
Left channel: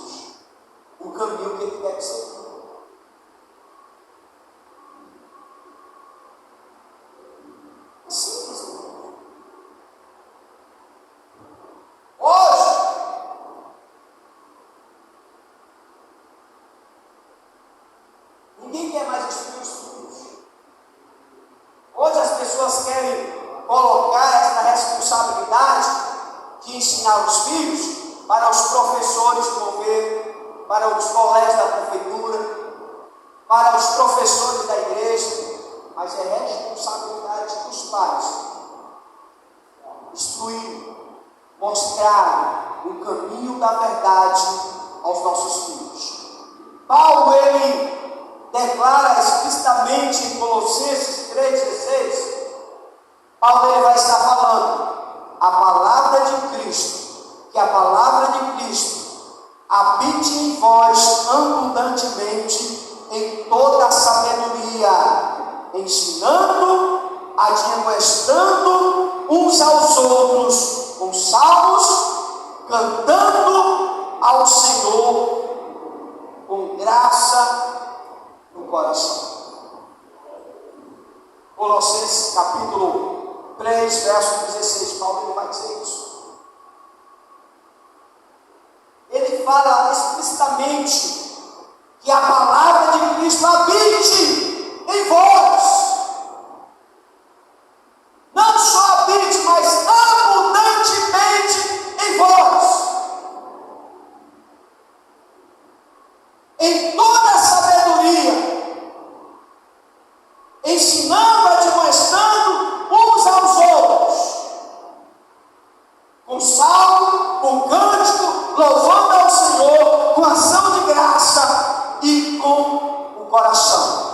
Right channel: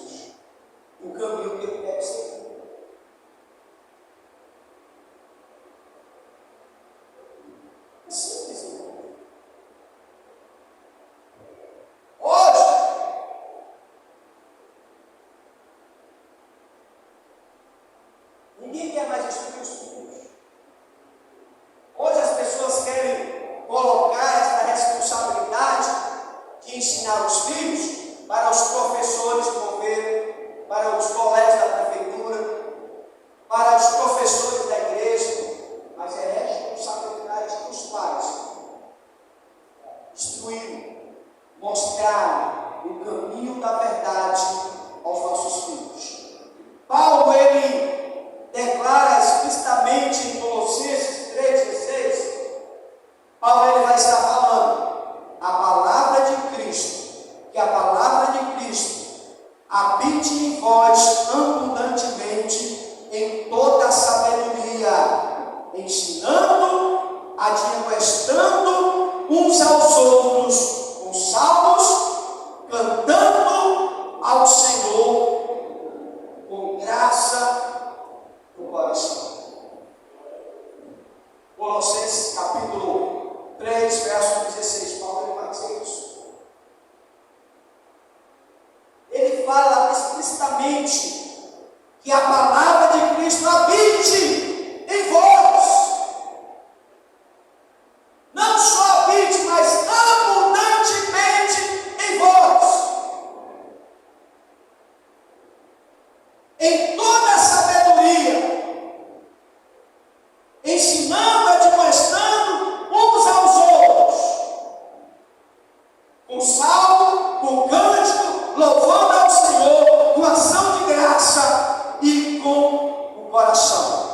o caminho que ele deve seguir. É simples, irmão. Hoje, ninguém quer mais instruir os filhos. Hoje as pessoas querem colocar esta responsabilidade de ensinar os filhos para os professores do governo, para os colégios da prefeitura, para os professores da igreja, mas é responsabilidade dos pais instruir, mostrar o caminho da verdade aos nossos filhos. Paulo, ele declara explicitamente em Colossenses 3,16, Paulo ele vai estar falando a palavra de Cristo, que a palavra de Cristo habite em vós abundantemente em toda a sabedoria, ensinando, admoestando uns aos outros com salmos, cantando ao Senhor com graça no coração. Colossenses capítulo 3, verso 16, Paulo ele vai dizer isso. Ele fala explicitamente que a palavra de Cristo habite em vós. Não só habite, mas abundantemente em vós. Em toda a sabedoria, ensinando, admoestando uns aos outros, com salmo, com cântico, louvando ao Senhor, com ação de graça e com o coração.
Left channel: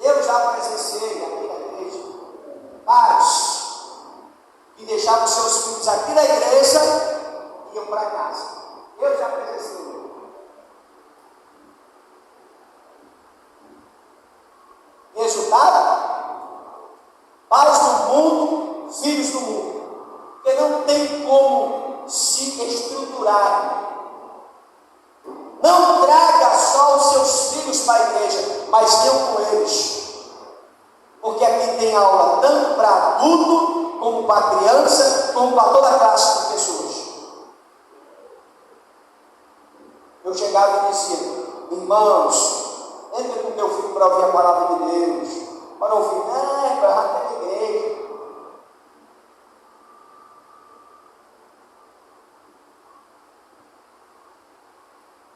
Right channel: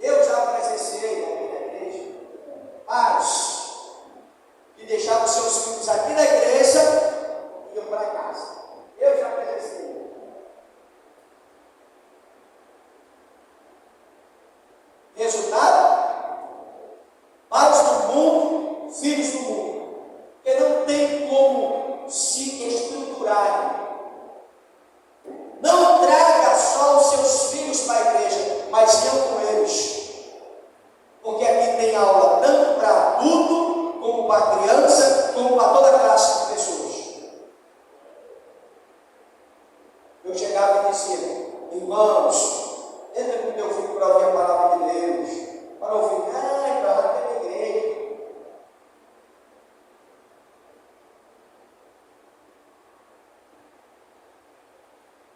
Eu já presenciei aqui na igreja pais que deixavam seus filhos aqui na igreja e iam para casa. Eu já presenciei. Resultado? Pais do mundo, filhos do mundo, que não tem como se estruturar. Não traga só os seus filhos para a igreja, mas venham com eles. Porque aqui tem aula tanto para adulto, como para criança, como para toda classe de pessoas. Eu chegava e dizia: irmãos, entra com teu filho para ouvir a palavra de Deus. Para ouvir, para lá ter igreja.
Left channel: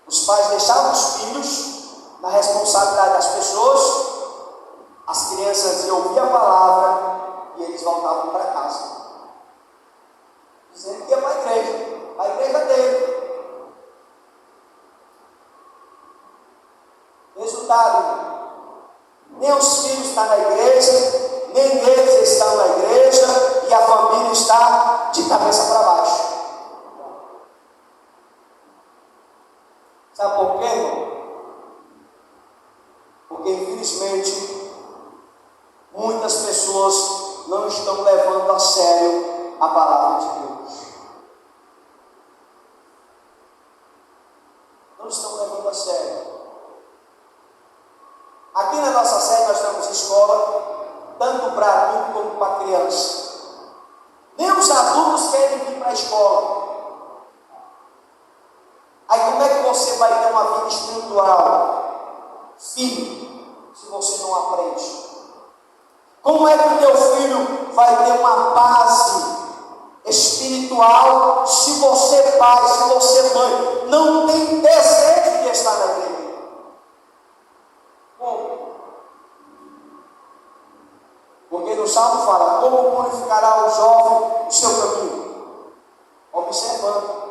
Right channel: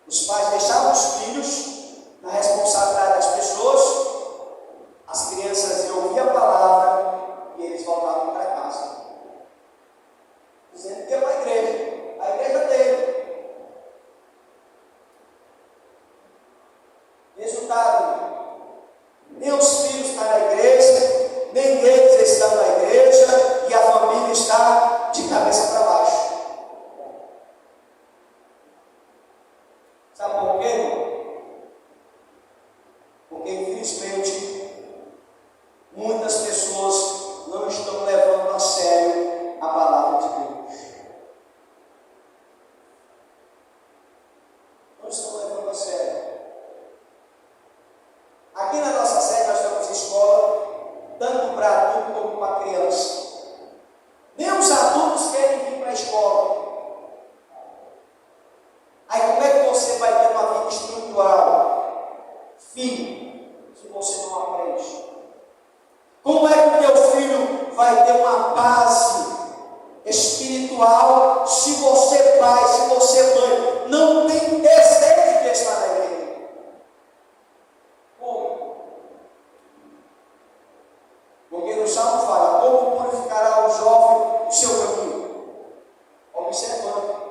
Os pais deixavam os filhos na responsabilidade das pessoas, as crianças iam ouvir a palavra e eles voltavam para casa, dizendo que ia para a igreja dele. Resultado: nem os filhos estão na igreja, nem eles estão na igreja, e a família está de cabeça para baixo. Sabe por quê? Porque infelizmente muitas pessoas não estão levando a sério a palavra de Deus. Não estão levando a sério. Aqui na nossa sede nós temos escola, tanto para adulto como para criança. Nem os adultos querem vir para a escola. Aí como é que você vai ter uma vida espiritual, filho, se você não aprende? Como é que o teu filho vai ter uma base espiritual se você, pai, se você, mãe, não tem desejo de estar na igreja? Como? Porque no Salmo fala: como purificará o jovem o seu caminho? Observando.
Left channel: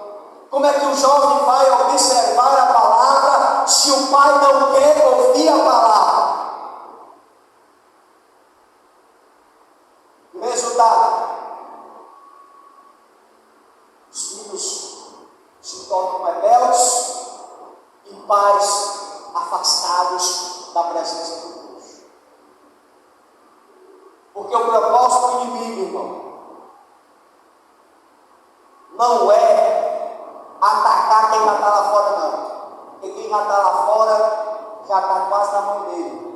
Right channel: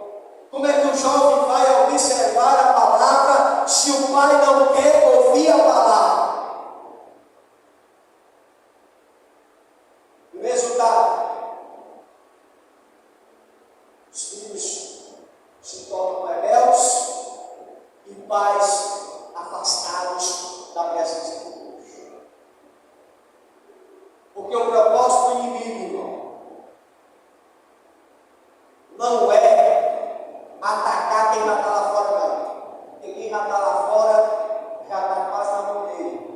Como é que o jovem vai observar a palavra se o pai não quer ouvir a palavra? O resultado: os filhos se tornam rebeldes e pais afastados da presença de Deus. Porque o propósito do inimigo, irmão, não é atacar quem já está lá fora, não. Porque quem já está lá fora já está quase na mão dele.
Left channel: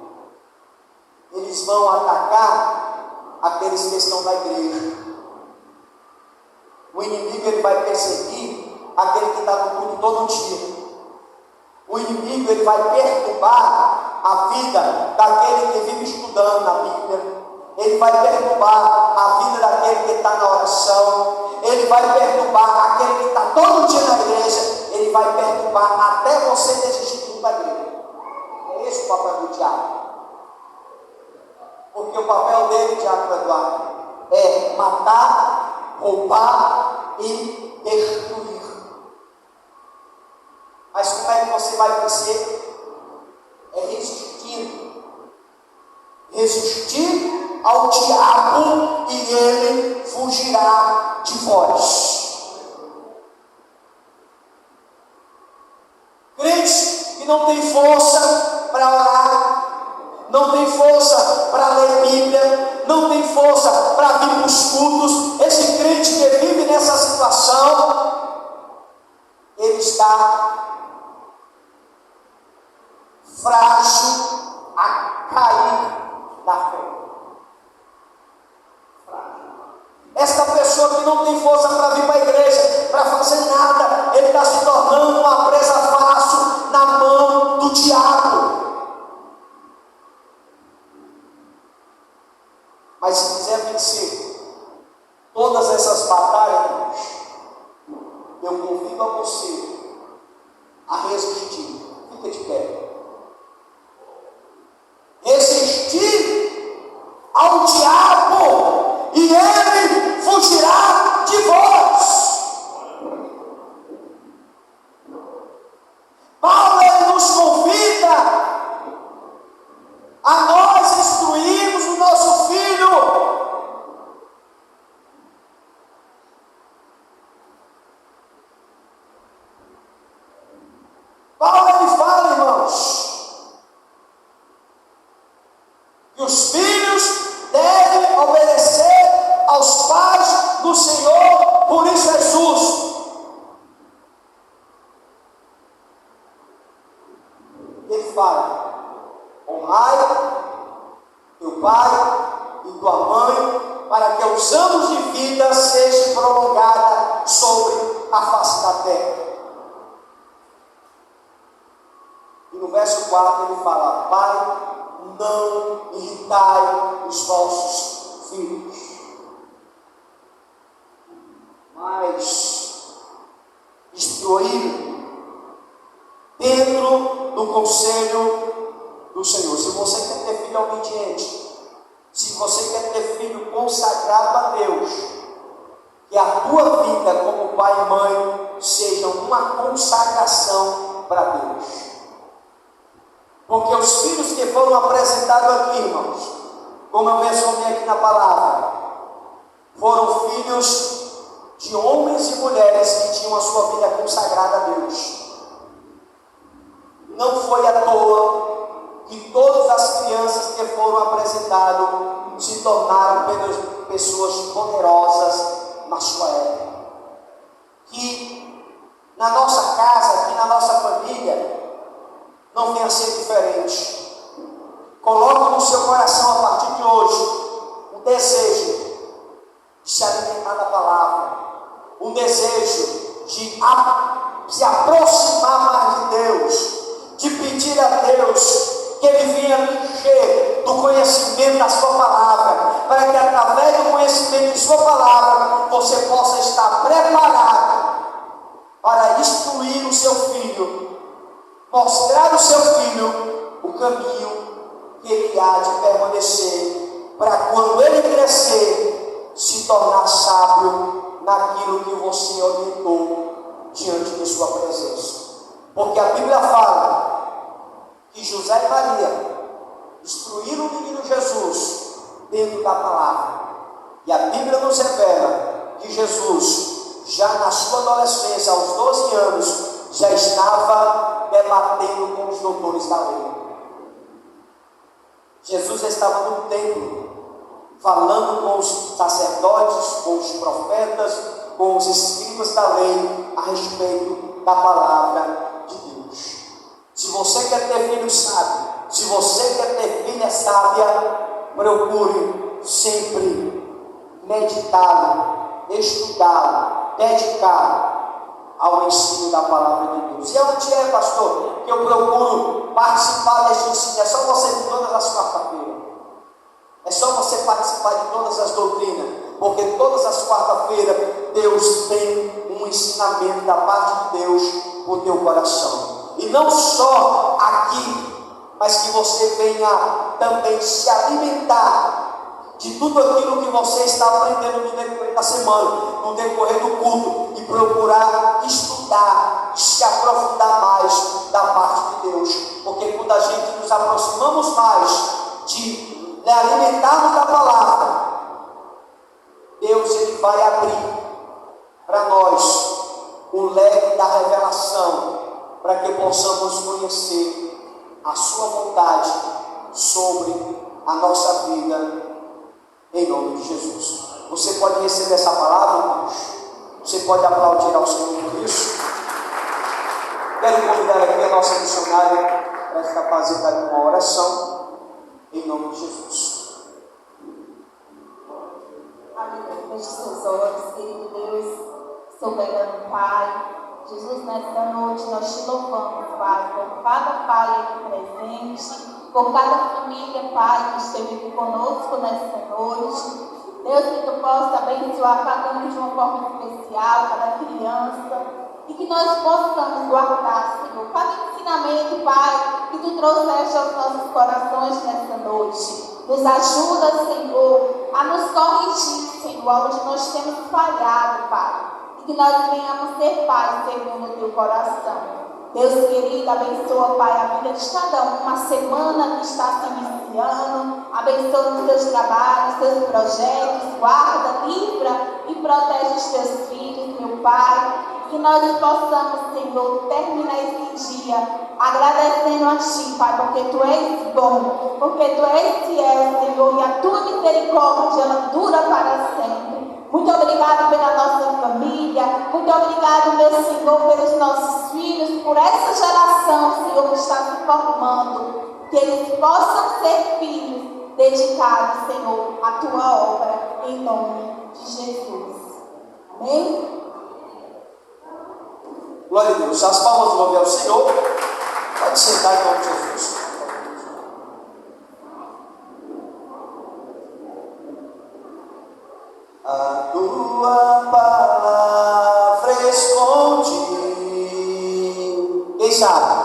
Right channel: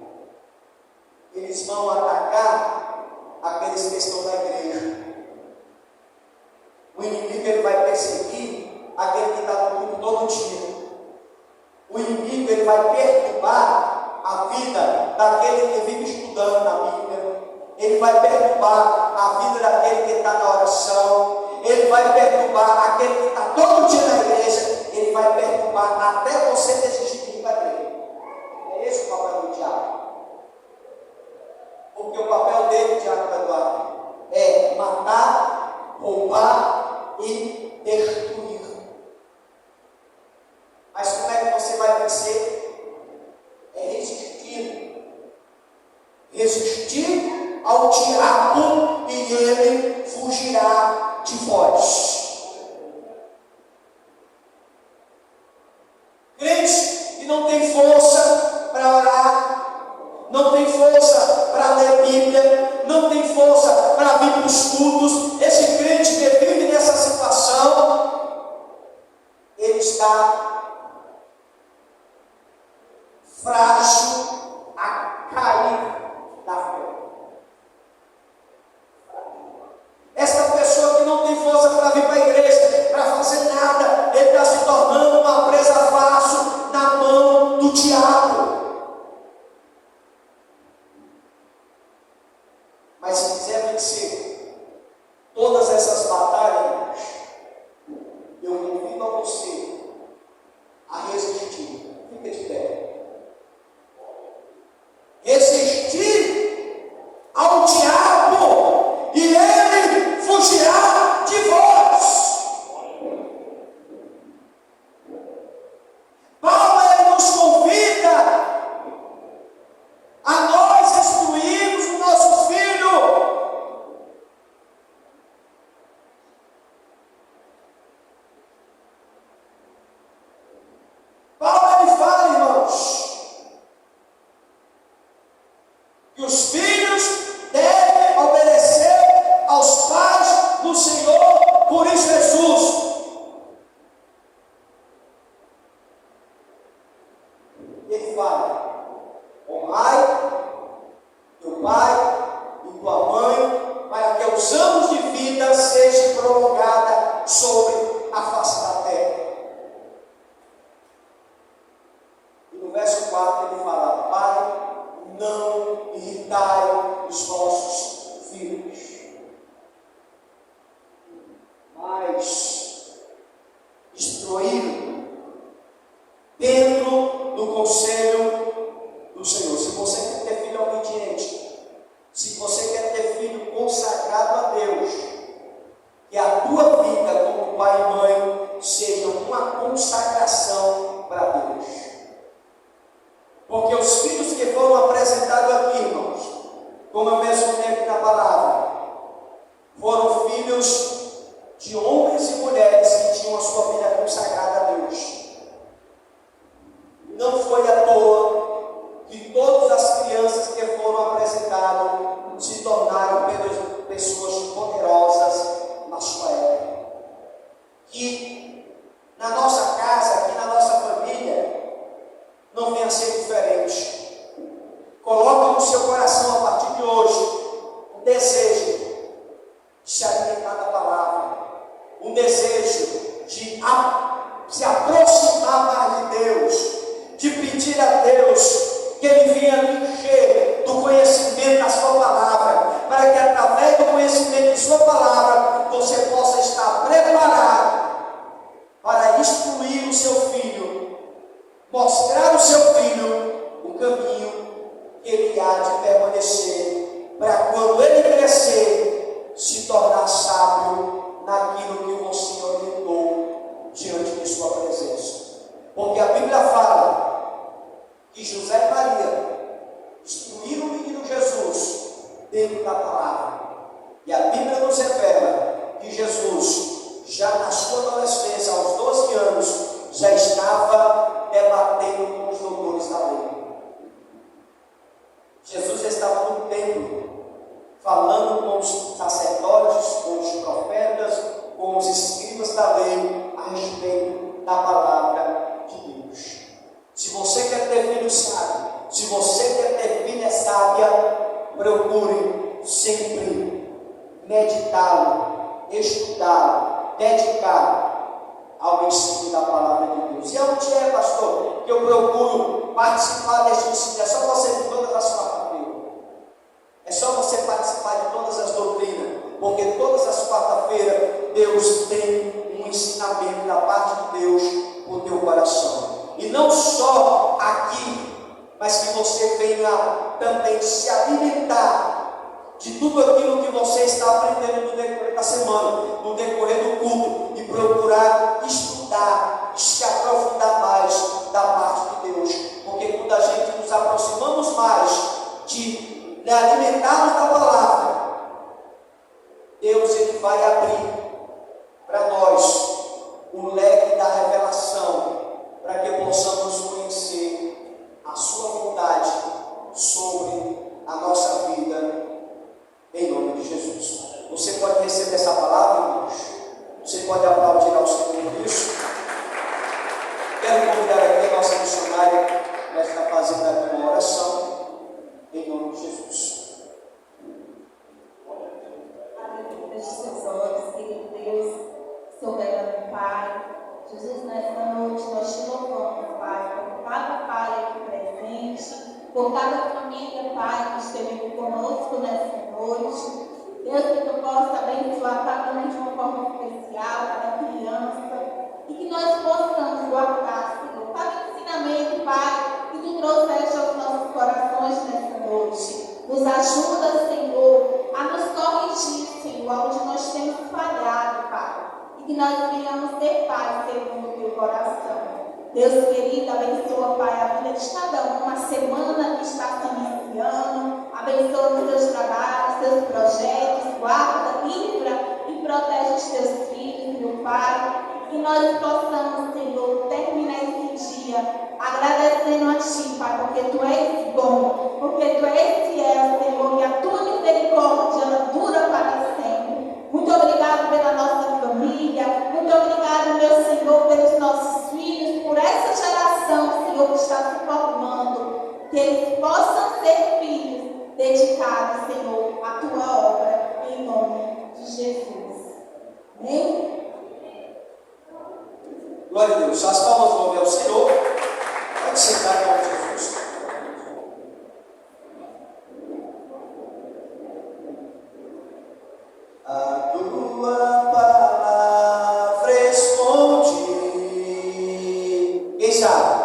Eles vão atacar aqueles que estão na igreja. O inimigo ele vai perseguir aquele que está no mundo todo dia. O inimigo ele vai perturbar a vida daquele que vive estudando a Bíblia. Ele vai perturbar a vida daquele que está na oração. Ele vai perturbar aquele que está todo dia na igreja. Ele vai perturbar até você desistir para ele. É esse o papel do diabo. Porque o papel dele, diabo Eduardo, é matar, roubar e destruir. Mas como é que você vai vencer? É resistindo. Resistir ao diabo e ele fugirá de vós. Crente que não tem força para orar, não tem força para ler Bíblia, não tem força para vir para os cultos, esse crente que vive nessa situação, ele está frágil a cair da fé. Esta pessoa que não tem força para vir para a igreja, para fazer nada, ele está se tornando uma presa fácil na mão do diabo. Mas se quiser vencer todas essas batalhas, eu convido a você a resistir. Fica de pé. Resistir ao diabo e ele fugirá de vós. Paulo ele nos convida a nós instruirmos o nosso filho. Paulo ele fala, irmãos, que os filhos devem obedecer aos pais do Senhor, por isso Jesus. Ele fala: honrai teu pai e tua mãe, para que os anos de vida sejam prolongados sobre a face da terra. E no verso 4 ele fala: pai, não irritai os vossos filhos, mas instruí-los dentro do conselho do Senhor. Se você quer ter filho obediente, se você quer ter filho consagrado a Deus, que a tua vida como pai e mãe seja uma consagração para Deus. Porque os filhos que foram apresentados aqui, irmãos, como eu mencionei aqui na palavra, foram filhos de homens e mulheres que tinham a sua vida consagrada a Deus. Não foi à toa que todas as crianças que foram apresentadas se tornaram pessoas poderosas na sua época. Que na nossa casa, aqui na nossa família, não venha a ser diferente. Coloque no seu coração a partir de hoje um desejo de se alimentar da palavra, um desejo de se aproximar mais de Deus, de pedir a Deus que Ele venha lhe encher do conhecimento da sua palavra, para que através do conhecimento de sua palavra você possa estar preparado para instruir o seu filho, mostrar ao seu filho o caminho que ele há de permanecer, para quando ele crescer, se tornar sábio naquilo que você orientou diante de sua presença. Porque a Bíblia fala que José e Maria instruíram o menino Jesus dentro da palavra. E a Bíblia nos revela que Jesus, já na sua adolescência, aos 12 anos, já estava debatendo com os doutores da lei. Jesus estava no templo, falando com os sacerdotes, com os profetas, com os escribas da lei a respeito da palavra de Deus. Se você quer ter filho sábio, se você quer ter filha sábia, procure sempre meditá-lo, estudá-lo, dedicar ao ensino da palavra de Deus. E aonde é, pastor, que eu procuro participar deste ensino? É só você de todas as quarta-feiras. É só você participar de todas as doutrinas, porque todas as quarta-feiras Deus tem um ensinamento da parte de Deus para o teu coração. E não só aqui, mas que você venha também se alimentar de tudo aquilo que você está aprendendo no decorrer da semana, no decorrer do culto, e procurar estudar e se aprofundar mais da parte de Deus. Porque quando a gente nos aproximamos mais de alimentarmos da palavra, Deus ele vai abrir para nós o leque da revelação, para que possamos conhecer a sua vontade sobre a nossa vida, em nome de Jesus. Você pode receber essa palavra, irmãos? Você pode aplaudir ao Senhor por isso? Quero convidar aqui a nossa missionária para estar fazendo uma oração, em nome de Jesus. Aleluia, feche seus olhos, querido Deus, soberano Pai. Jesus, nesta noite nós te louvamos, Pai, por cada pai aqui presente, por cada família, Pai, que esteve aqui conosco nesta noite. Deus, que tu possa abençoar cada um de uma forma especial, cada criança, e que nós possamos guardar, Senhor, cada ensinamento, Pai, que tu trouxeste aos nossos corações nesta noite. Nos ajuda, Senhor, a nos corrigir, Senhor, onde nós temos falhado, Pai. E que nós venhamos ser paz segundo o teu coração. Deus querido, abençoa, Pai, a vida de cada um, uma semana que está se iniciando. Abençoa os teus trabalhos, os teus projetos, guarda, livra e protege os teus filhos, meu Pai. Que nós possamos, Senhor, terminar esse dia agradecendo a Ti, Pai, porque Tu és bom, porque Tu és fiel, Senhor, e a Tua misericórdia ela dura para sempre. Muito obrigado pela nossa família, muito obrigado, meu Senhor, pelos nossos filhos, por essa geração, Senhor, que está se formando, que eles possam ser filhos dedicados, Senhor, à Tua obra, em nome de Jesus. Amém? Glória a Deus. As palmas do nome ao Senhor. Pode sentar em nome de Jesus. A tua palavra escondi. Quem sabe?